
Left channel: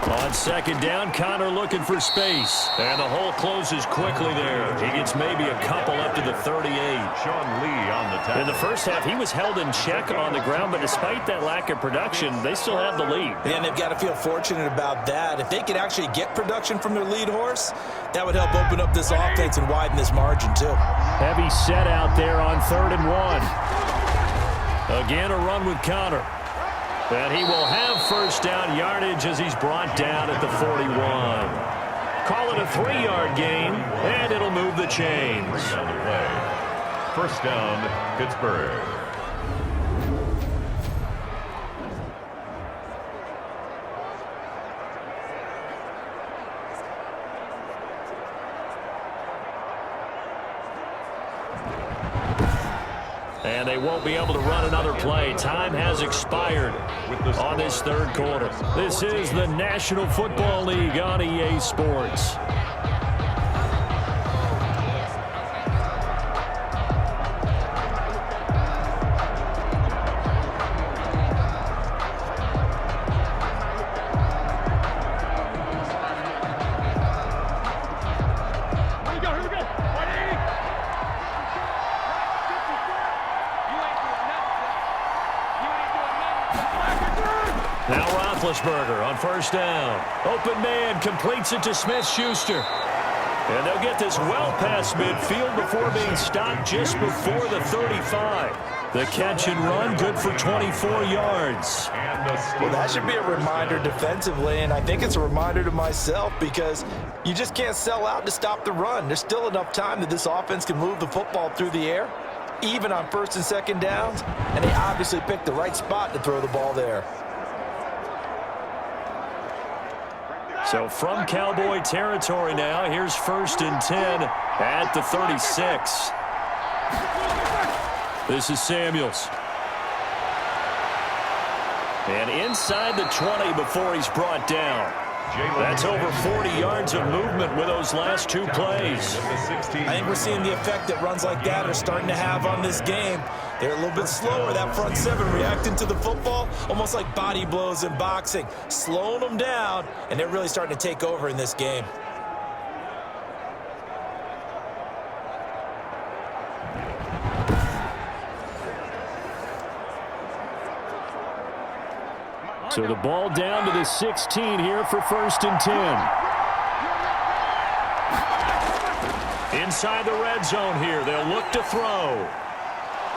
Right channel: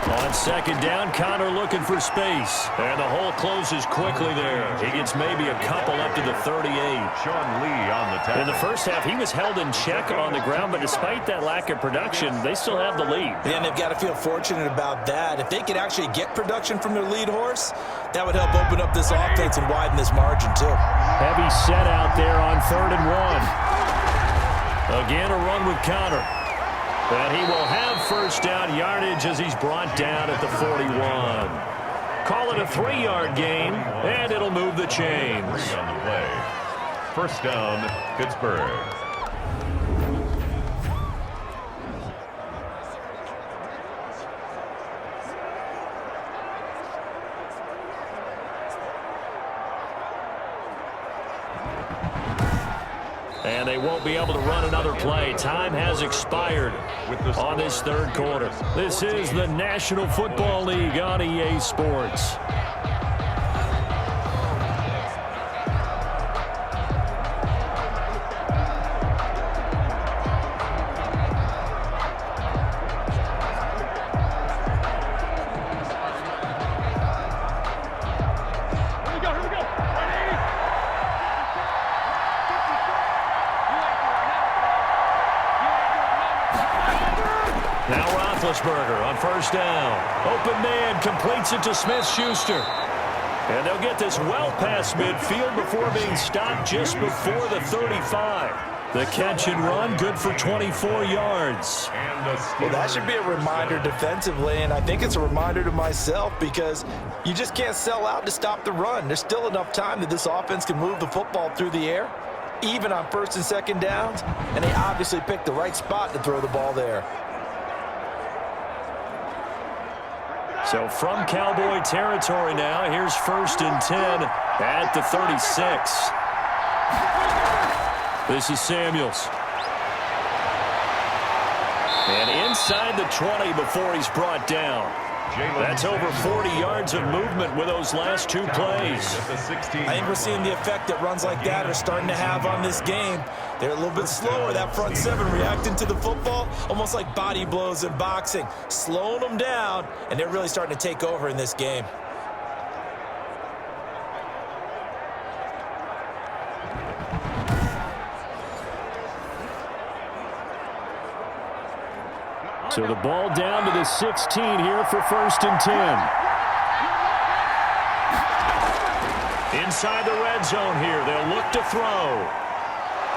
On second down, Connor looking for space. And the hole closes quickly there. He gets maybe a couple up to the 38. Sean Lee on the tackle. In the first half, he was held in check on the ground, but despite that lack of production, they still have the lead. And they've got to feel fortunate about that. If they could actually get production from their lead horse, that would help open up this offense and widen this margin too. Heavy set out there on 3rd and 1. Again, a run with Connor. And he will have first down yardage as he's brought down at the 41. Call it a 3-yard gain, and it'll move the chains. On the play. First down, Pittsburgh. And they won't be able to run another play. Time has expired on this 3rd quarter. This is the National Football League on EA Sports. Now Roethlisberger on first down. Open man completes it to Smith-Schuster. And they'll get this well past midfield before being stopped just before the 35. The catch and run, good for 24 yards. Well, that should be a reminder defensively, and I think it's a reminder to myself because you just can't sell out to stop the run. There's still enough time that this offense can move the football through the air, even on 1st and 2nd downs, and they obviously picked the right spot to throw the ball there. So from Cowboy territory now, here's 1st and 10 at the 36. This is Samuels. And inside the 20 before he's brought down. That's over 40 yards of movement with those last 2 plays. I think we're seeing the effect that runs like that are starting to have on this game. They're a little bit slower, that front 7 reacting to the football, almost like body blows in boxing, slowing them down, and they're really starting to take over in this game. So the ball down to the 16 here for 1st and 10. Inside the red zone here, they'll look to throw.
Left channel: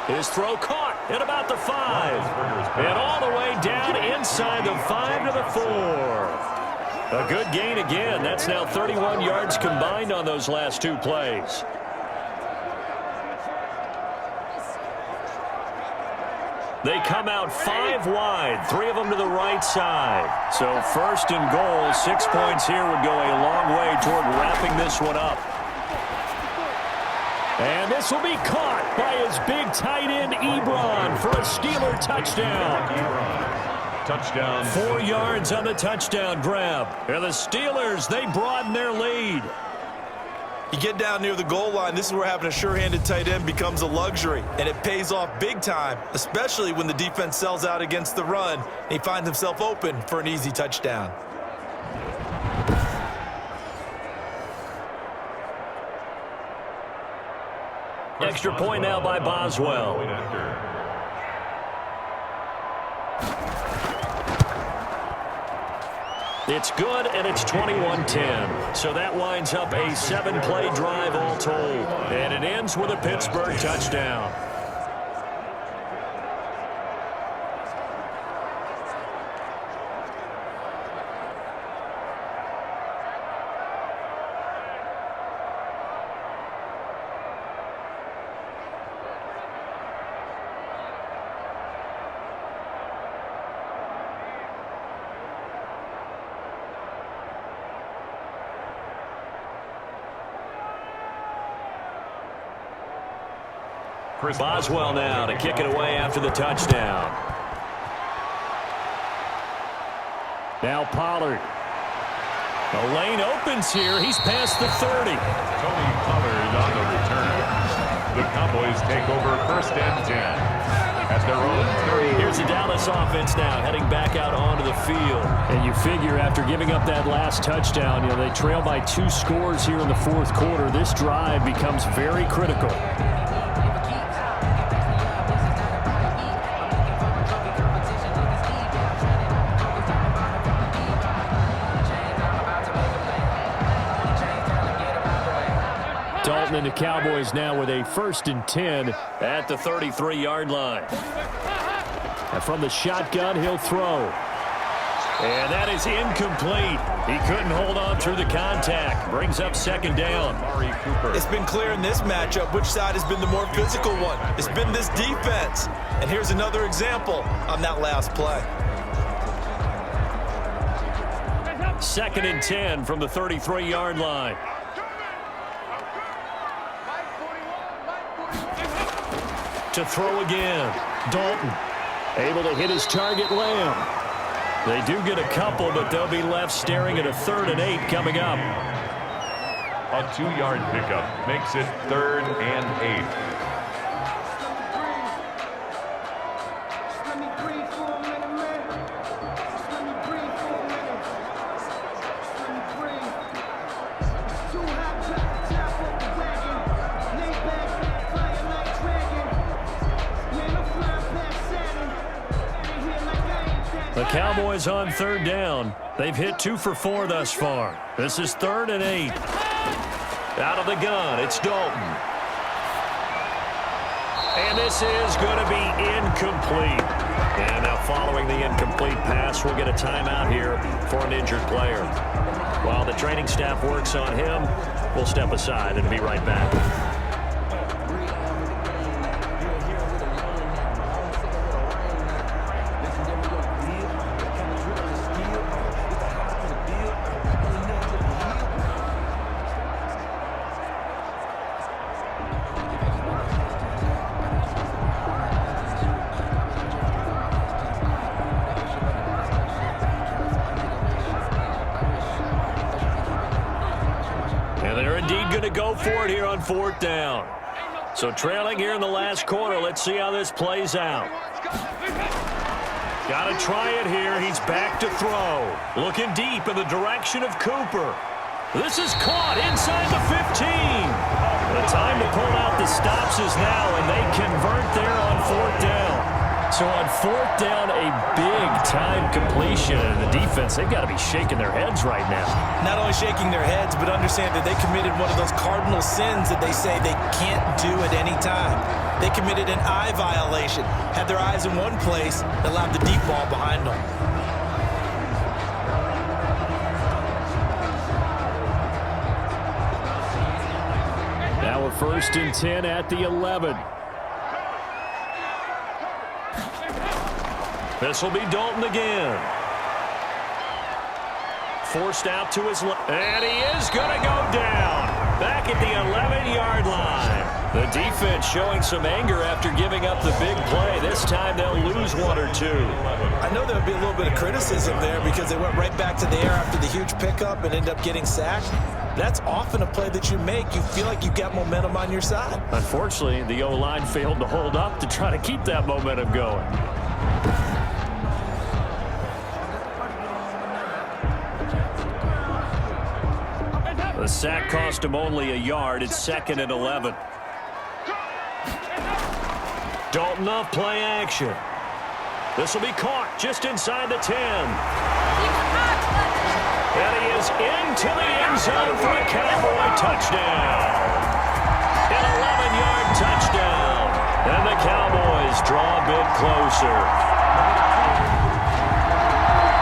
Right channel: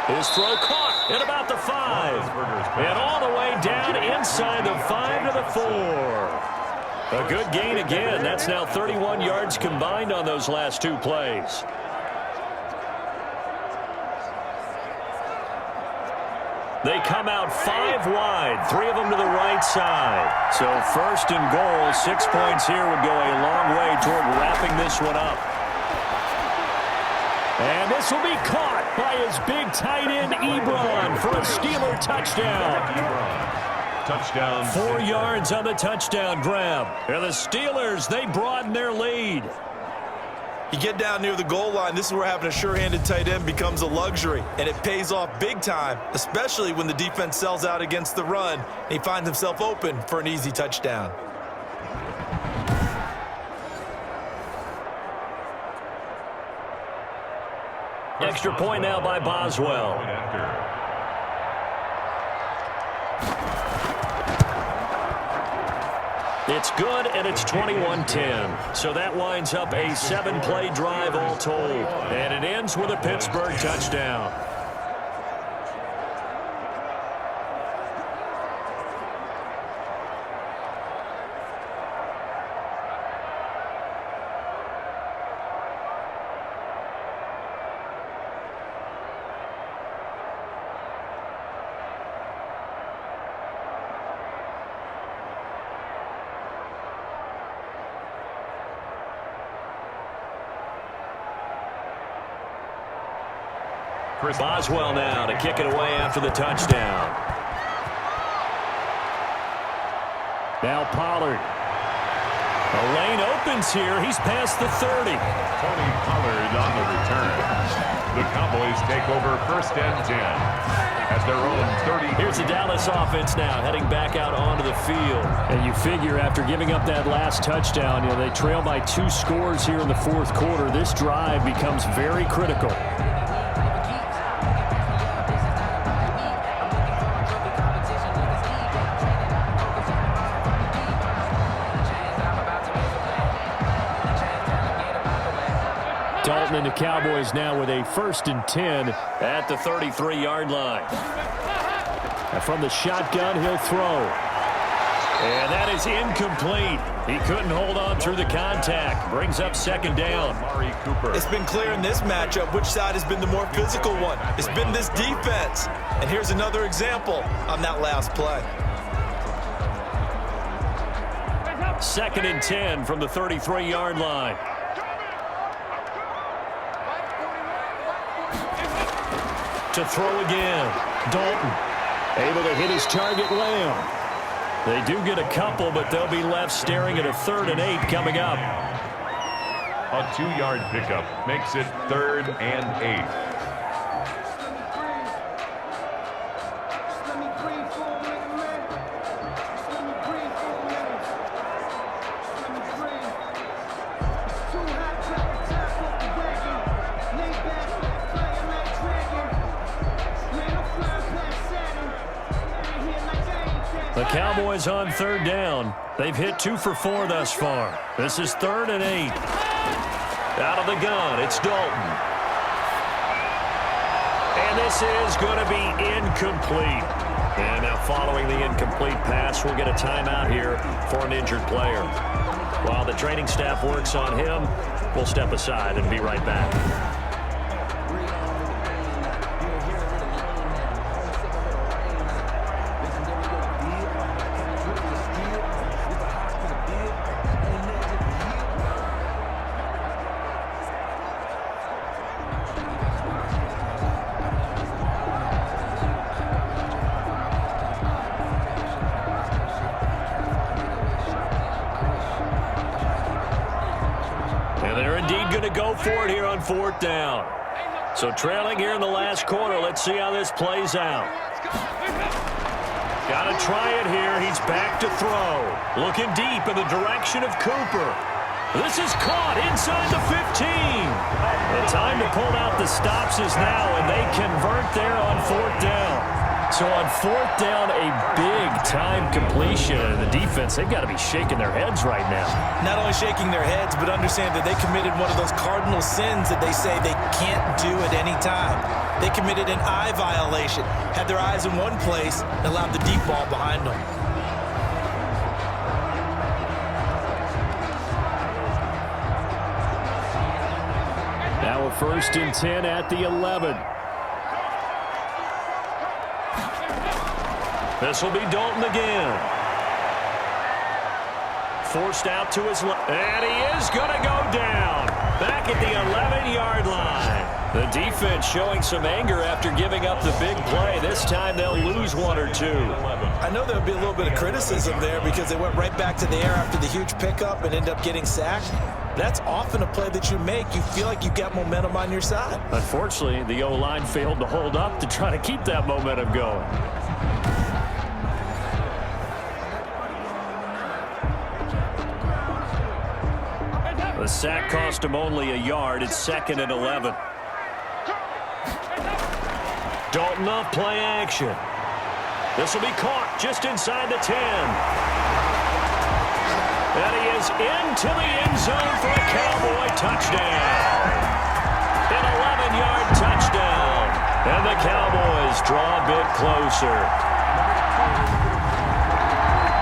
His throw caught at about the 5. And all the way down inside the 5 to the 4. A good gain again. That's now 31 yards combined on those last 2 plays. They come out 5 wide, 3 of them to the right side. So 1st and goal, 6 points here would go a long way toward wrapping this one up. And this will be caught by his big tight end, Ebron, for a Steeler touchdown. Touchdown. 4 yards on the touchdown grab. And the Steelers, they broaden their lead. You get down near the goal line, this is where having a sure-handed tight end becomes a luxury, and it pays off big time, especially when the defense sells out against the run, and he finds himself open for an easy touchdown. Extra point now by Boswell. It's good, and it's 21-10. So that winds up a 7-play drive all told. And it ends with a Pittsburgh touchdown. Boswell now to kick it away after the touchdown. Now Pollard. The lane opens here. He's past the 30. Tony Pollard on the return. The Cowboys take over 1st and 10 at their own 30. Here's the Dallas offense now heading back out onto the field. And you figure after giving up that last touchdown, they trail by 2 scores here in the 4th quarter. This drive becomes very critical. Dalton and the Cowboys now with a 1st and 10 at the 33-yard line. And from the shotgun, he'll throw. And that is incomplete. He couldn't hold on through the contact. Brings up 2nd down. Amari Cooper. It's been clear in this matchup which side has been the more physical one. It's been this defense. And here's another example on that last play. 2nd and 10 from the 33-yard line. To throw again. Dalton able to hit his target, Lamb. They do get a couple, but they'll be left staring at a 3rd and 8 coming up. A 2-yard pickup makes it 3rd and 8. The Cowboys on 3rd down. They've hit 2 for 4 thus far. This is 3rd and 8. Out of the gun, it's Dalton. And this is going to be incomplete. And now following the incomplete pass, we'll get a timeout here for an injured player. While the training staff works on him, we'll step aside and be right back. To go for it here on 4th down. So trailing here in the last quarter. Let's see how this plays out. Got to try it here. He's back to throw. Looking deep in the direction of Cooper. This is caught inside the 15. The time to pull out the stops is now, and they convert there on 4th down. So on 4th down, a big-time completion. And the defense, they've got to be shaking their heads right now. Not only shaking their heads, but understand that they committed one of those cardinal sins that they say they can't do at any time. They committed an eye violation, had their eyes in one place, and allowed the deep ball behind them. Now a 1st and 10 at the 11. This will be Dalton again. Forced out to his left. And he is going to go down. Back at the 11-yard line. The defense showing some anger after giving up the big play. This time they'll lose 1 or 2. I know there'll be a little bit of criticism there because they went right back to the air after the huge pickup and ended up getting sacked. That's often a play that you make. You feel like you've got momentum on your side. Unfortunately, the O-line failed to hold up to try to keep that momentum going. The sack cost him only a yard. It's 2nd and 11. Dalton off play action. This will be caught just inside the 10. And he is into the end zone for a Cowboy touchdown. An 11-yard touchdown. And the Cowboys draw a bit closer.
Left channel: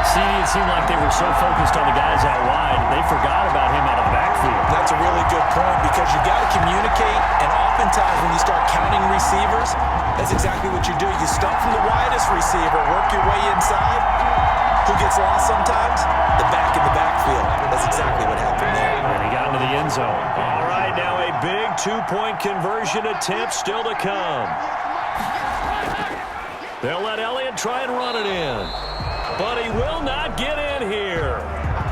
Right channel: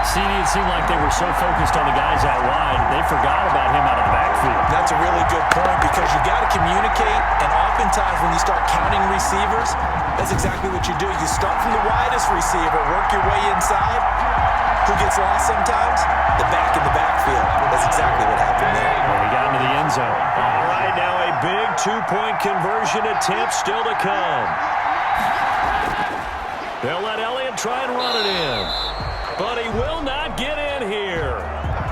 CD, it seemed like they were so focused on the guys out wide, they forgot about him out of the backfield. That's a really good point because you got to communicate, and oftentimes when you start counting receivers, that's exactly what you do. You start from the widest receiver, work your way inside. Who gets lost sometimes? The back in the backfield. That's exactly what happened there. And he got into the end zone. All right, now a big 2-point conversion attempt still to come. They'll let Elliott try and run it in. but he will not get in here.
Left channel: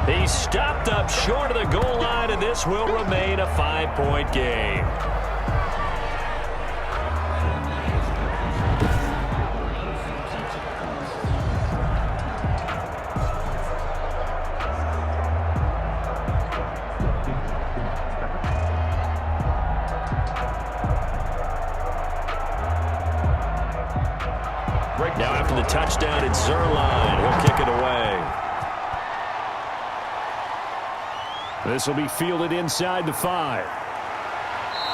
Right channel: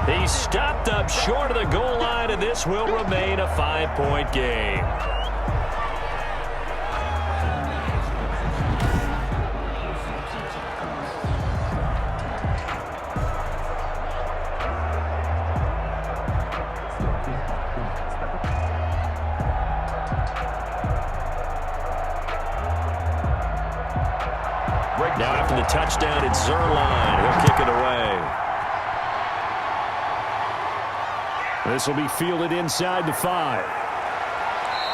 He stopped up short of the goal line, and this will remain a 5-point game. Now after the touchdown, it's Zerline. He'll kick it away. This will be fielded inside the 5.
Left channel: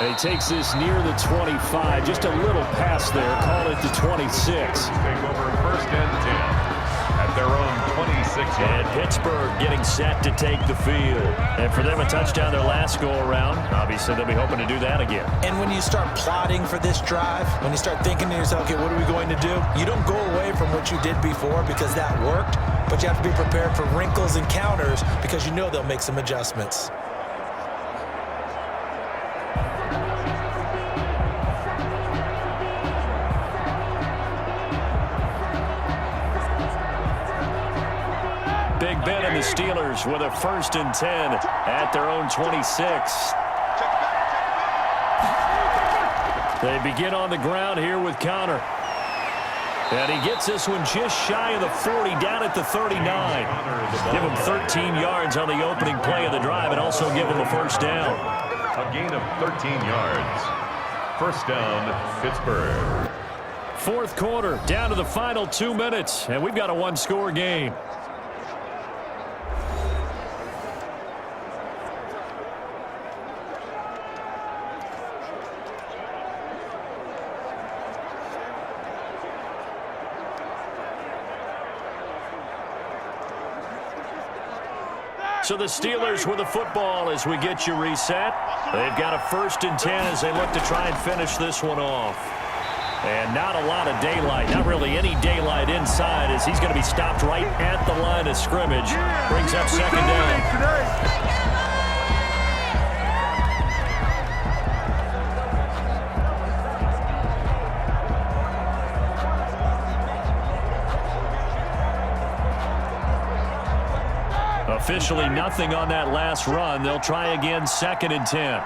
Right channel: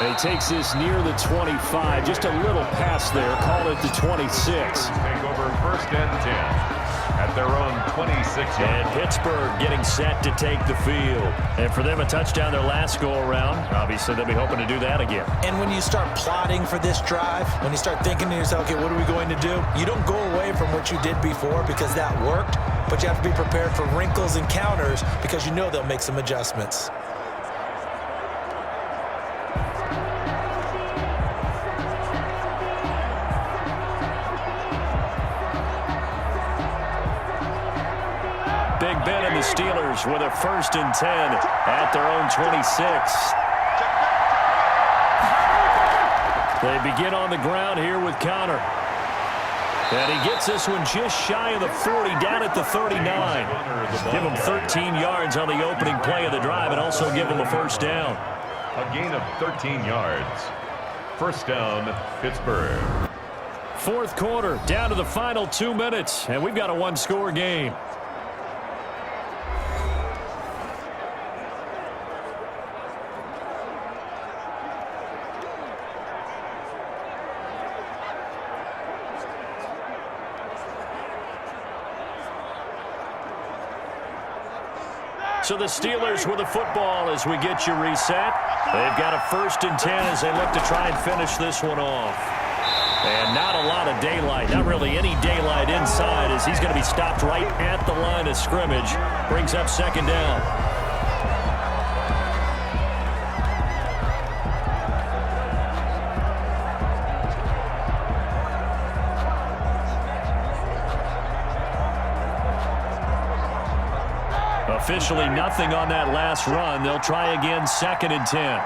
And he takes this near the 25. Just a little pass there. Call it the 26. Take over 1st and 10 at their own 26-yard. And Pittsburgh getting set to take the field. And for them, a touchdown their last go-around. Obviously, they'll be hoping to do that again. And when you start plotting for this drive, when you start thinking to yourself, okay, what are we going to do? You don't go away from what you did before because that worked, but you have to be prepared for wrinkles and counters because you know they'll make some adjustments. Big Ben and the Steelers with a 1st and 10 at their own 26. They begin on the ground here with Connor. And he gets this one just shy of the 40, down at the 39. Give him 13 yards on the opening play of the drive and also give him a 1st down. A gain of 13 yards. 1st down, Pittsburgh. 4th quarter, down to the final 2 minutes, and we've got a 1-score game. So the Steelers with the football as we get you reset. They've got a 1st and 10 as they look to try and finish this one off. And not a lot of daylight, not really any daylight inside as he's going to be stopped right at the line of scrimmage. Brings up 2nd down. Officially nothing on that last run. They'll try again, 2nd and 10.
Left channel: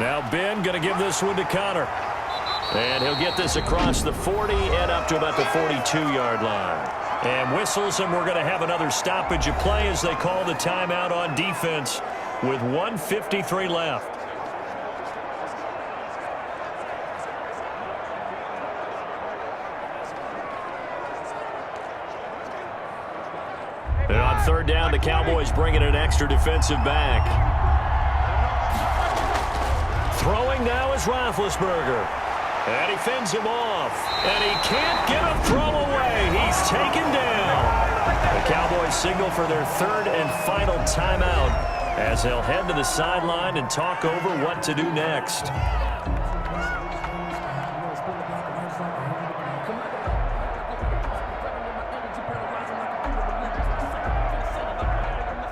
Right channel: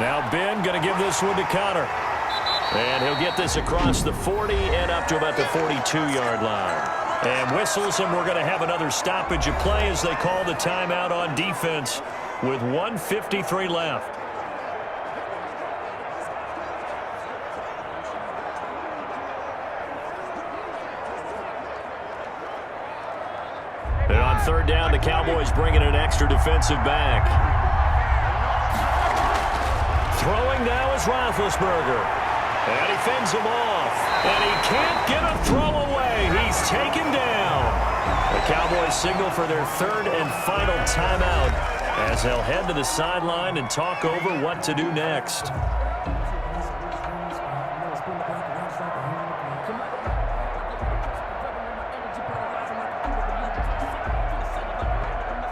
Now Ben going to give this one to Connor. And he'll get this across the 40 and up to about the 42-yard line. And whistles, and we're going to have another stoppage of play as they call the timeout on defense with 1:53 left. And on 3rd down, the Cowboys bringing an extra defensive back. Throwing now is Roethlisberger. And he fends him off. And he can't get a throw away. He's taken down. The Cowboys signal for their 3rd and final timeout as they'll head to the sideline and talk over what to do next.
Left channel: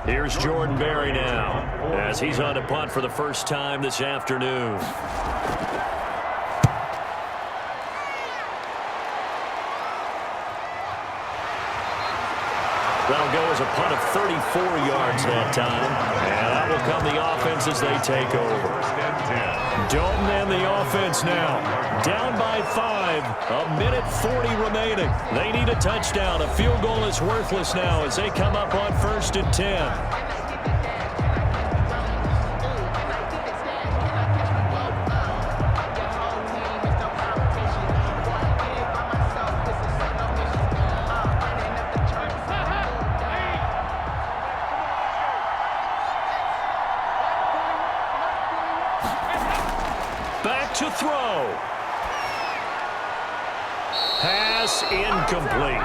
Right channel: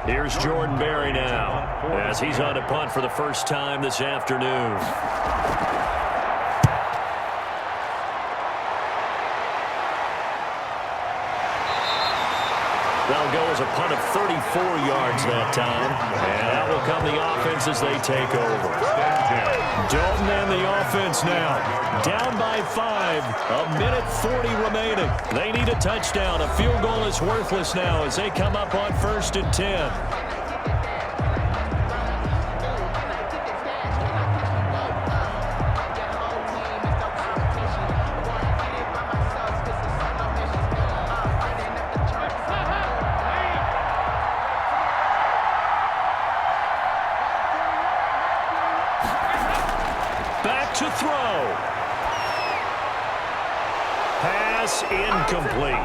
Here's Jordan Berry now as he's on to punt for the 1st time this afternoon. That'll go as a punt of 34 yards that time. And out will come the offense as they take over. Dalton and the offense now. Down by 5. 1:40 remaining. They need a touchdown. A field goal is worthless now as they come up on 1st and 10. Back to throw. Pass incomplete.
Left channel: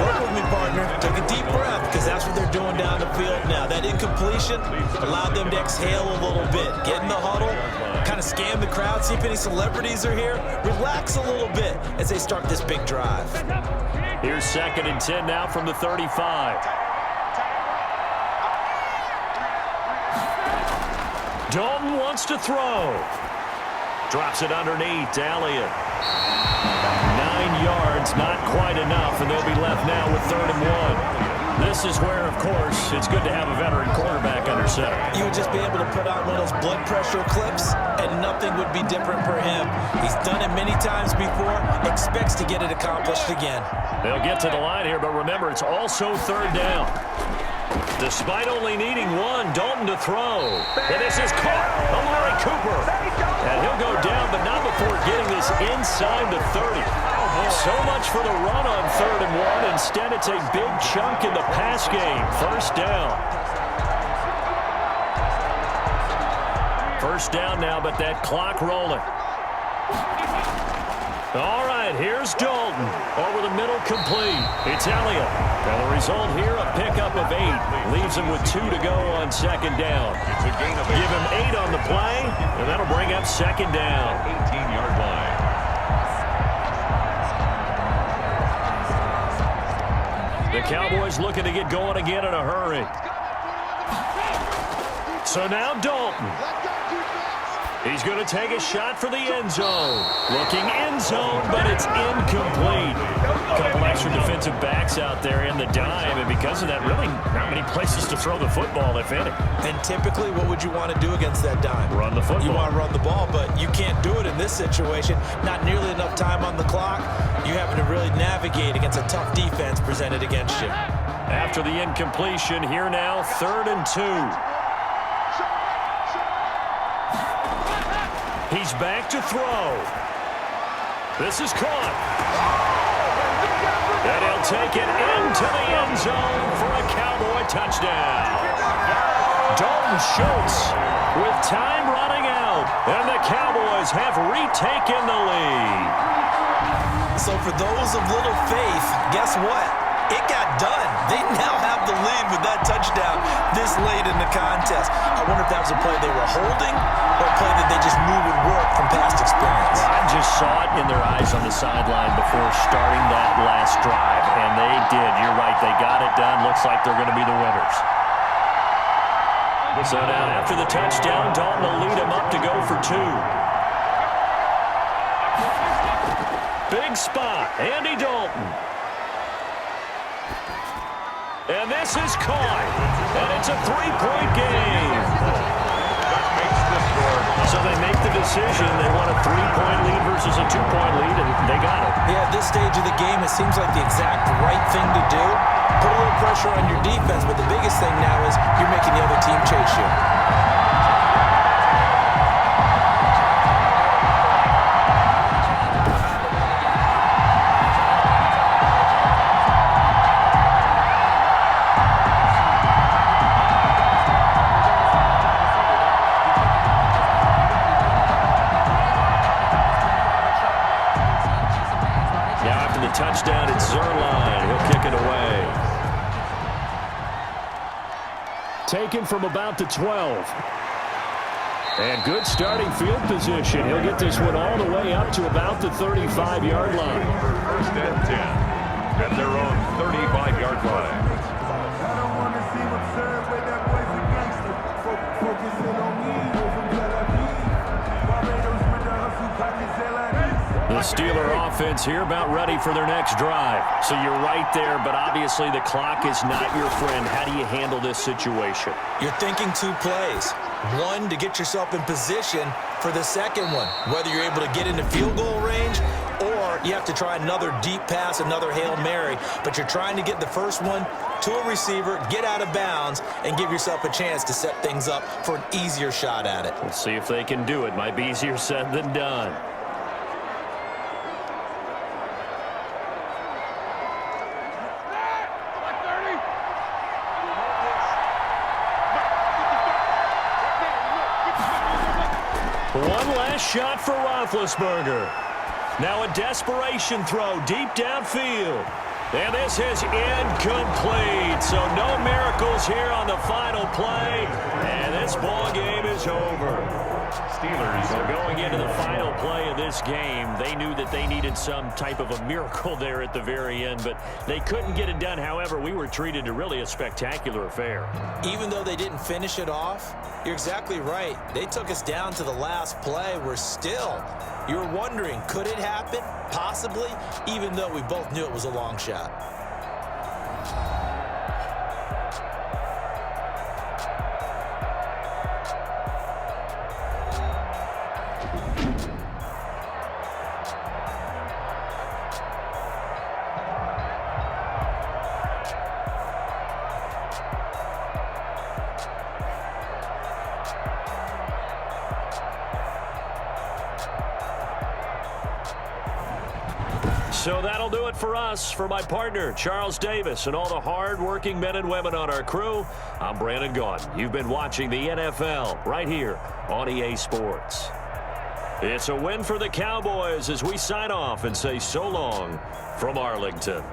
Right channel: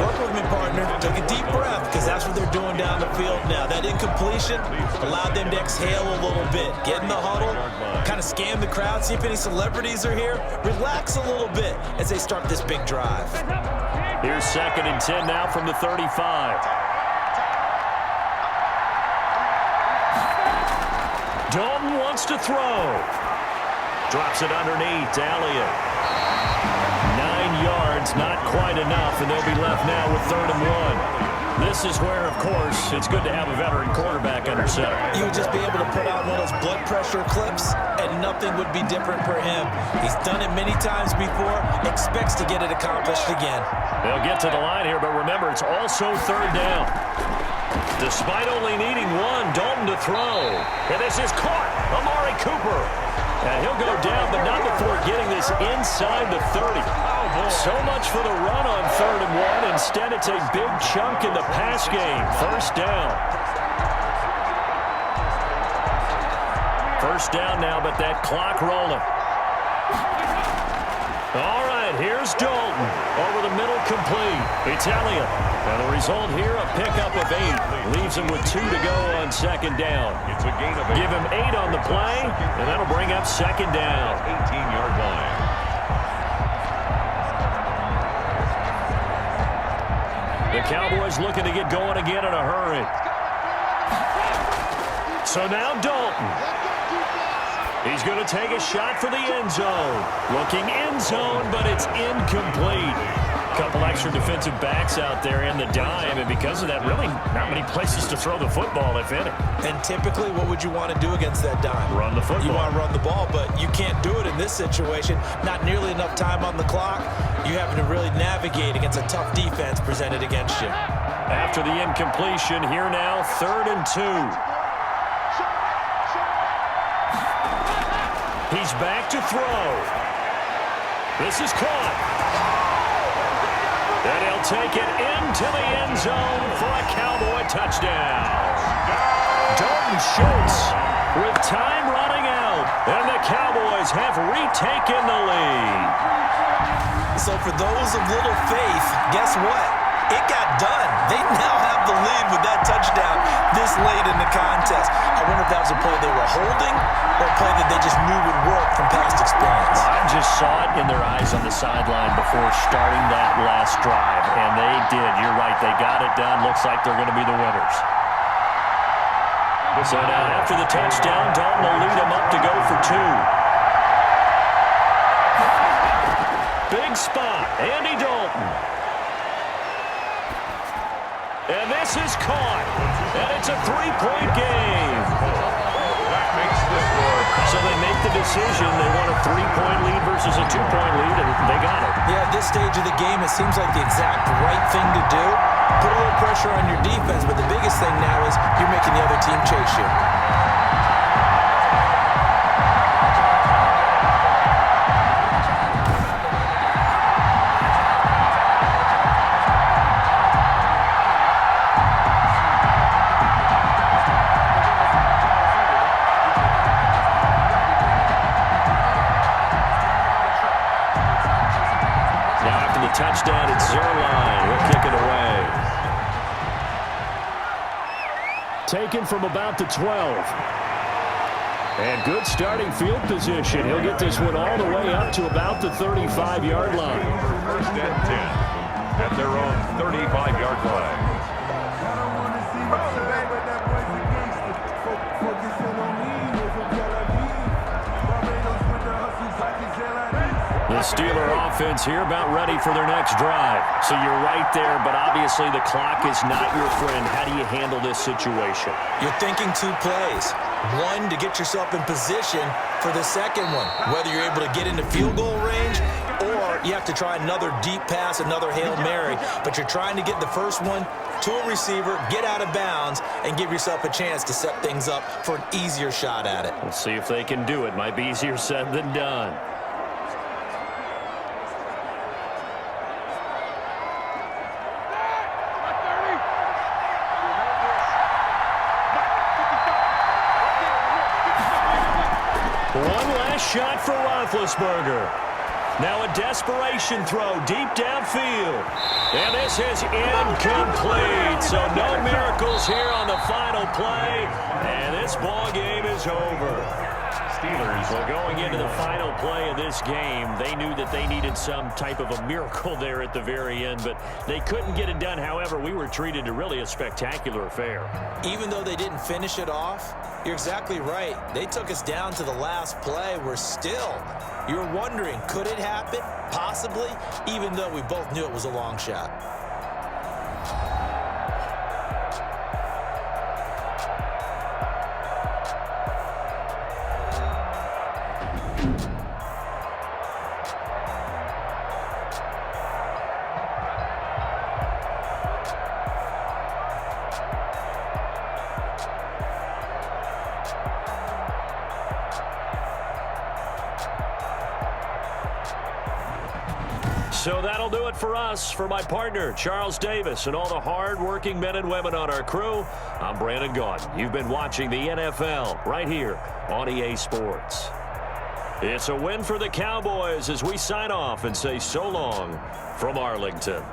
Work with me, partner. Take a deep breath because that's what they're doing down the field now. That incompletion allowed them to exhale a little bit. Get in the huddle, kind of scan the crowd, see if any celebrities are here. Relax a little bit as they start this big drive. Here's 2nd and 10 now from the 35. Dalton wants to throw. Drops it underneath to Elliott. 9 yards, not quite enough, and they'll be left now with 3rd and 1. This is where, of course, it's good to have a veteran quarterback under center. You would just be able to put on one of those blood pressure clips, and nothing would be different for him. He's done it many times before, expects to get it accomplished again. They'll get to the line here, but remember, it's also 3rd down. Despite only needing one, Dalton to throw. And this is caught. Amari Cooper. And he'll go down, but not before getting this inside the 30. So much for the run on 3rd and 1. Instead, it's a big chunk in the pass game. 1st down. 1st down now, but that clock rolling. All right, here's Dalton. Over the middle, complete. It's Elliott. And the result here, a pickup of 8. Leaves him with 2 to go on 2nd down. It's a gain of 8. Give him 8 on the play, and that'll bring up 2nd down. 18-yard line. The Cowboys looking to get going again in a hurry. So now Dalton. He's going to take a shot for the end zone. Looking end zone, but it's incomplete. A couple extra defensive backs out there in the dime, and because of that, really not many places to throw the football, if any. And typically, what would you want to do against that dime? Run the football. You want to run the ball, but you can't do it in this situation. Not nearly enough time on the clock. You having to really navigate against a tough defense presented against you. After the incompletion, here now, 3rd and 2. He's back to throw. This is caught. And he'll take it into the end zone for a Cowboy touchdown. Dalton Schultz with time running out. And the Cowboys have retaken the lead. So for those of little faith, guess what? It got done. They now have the lead with that touchdown this late in the contest. I wonder if that was a play they were holding or a play that they just knew would work from past experience. Well, I just saw it in their eyes on the sideline before starting that last drive, and they did. You're right. They got it done. Looks like they're going to be the winners. So now after the touchdown, Dalton will lead him up to go for 2. Big spot. Andy Dalton. And this is caught. And it's a 3-point game. That makes the score. So they make the decision. They want a 3-point lead versus a 2-point lead, and they got it. Yeah, at this stage of the game, it seems like the exact right thing to do. Put a little pressure on your defense, but the biggest thing now is you're making the other team chase you. Touchdown, it's Zerline. He'll kick it away. Taken from about the 12. And good starting field position. He'll get this one all the way up to about the 35-yard line. 1st and 10 at their own 35-yard line. I don't want to see what's up, but that boy's a gangster. Focusing on me, from Tel Aviv. Barbados with the hustle, pockets The Steeler offense here about ready for their next drive. So you're right there, but obviously the clock is not your friend. How do you handle this situation? You're thinking 2 plays. One, to get yourself in position for the second one, whether you're able to get into field goal range or you have to try another deep pass, another Hail Mary. But you're trying to get the first one to a receiver, get out of bounds, and give yourself a chance to set things up for an easier shot at it. We'll see if they can do it. Might be easier said than done. One last shot for Roethlisberger. Now a desperation throw deep downfield. And this is incomplete. So no miracles here on the final play. And this ball game is over. Steelers. Well, going into the final play of this game, they knew that they needed some type of a miracle there at the very end, but they couldn't get it done. However, we were treated to really a spectacular affair. Even though they didn't finish it off, you're exactly right. They took us down to the last play. We're still You were wondering, could it happen? Possibly, even though we both knew it was a long shot. So that'll do it for us. For my partner, Charles Davis, and all the hard-working men and women on our crew, I'm Brandon Gaudin. You've been watching the NFL right here on EA Sports. It's a win for the Cowboys as we sign off and say so long from Arlington.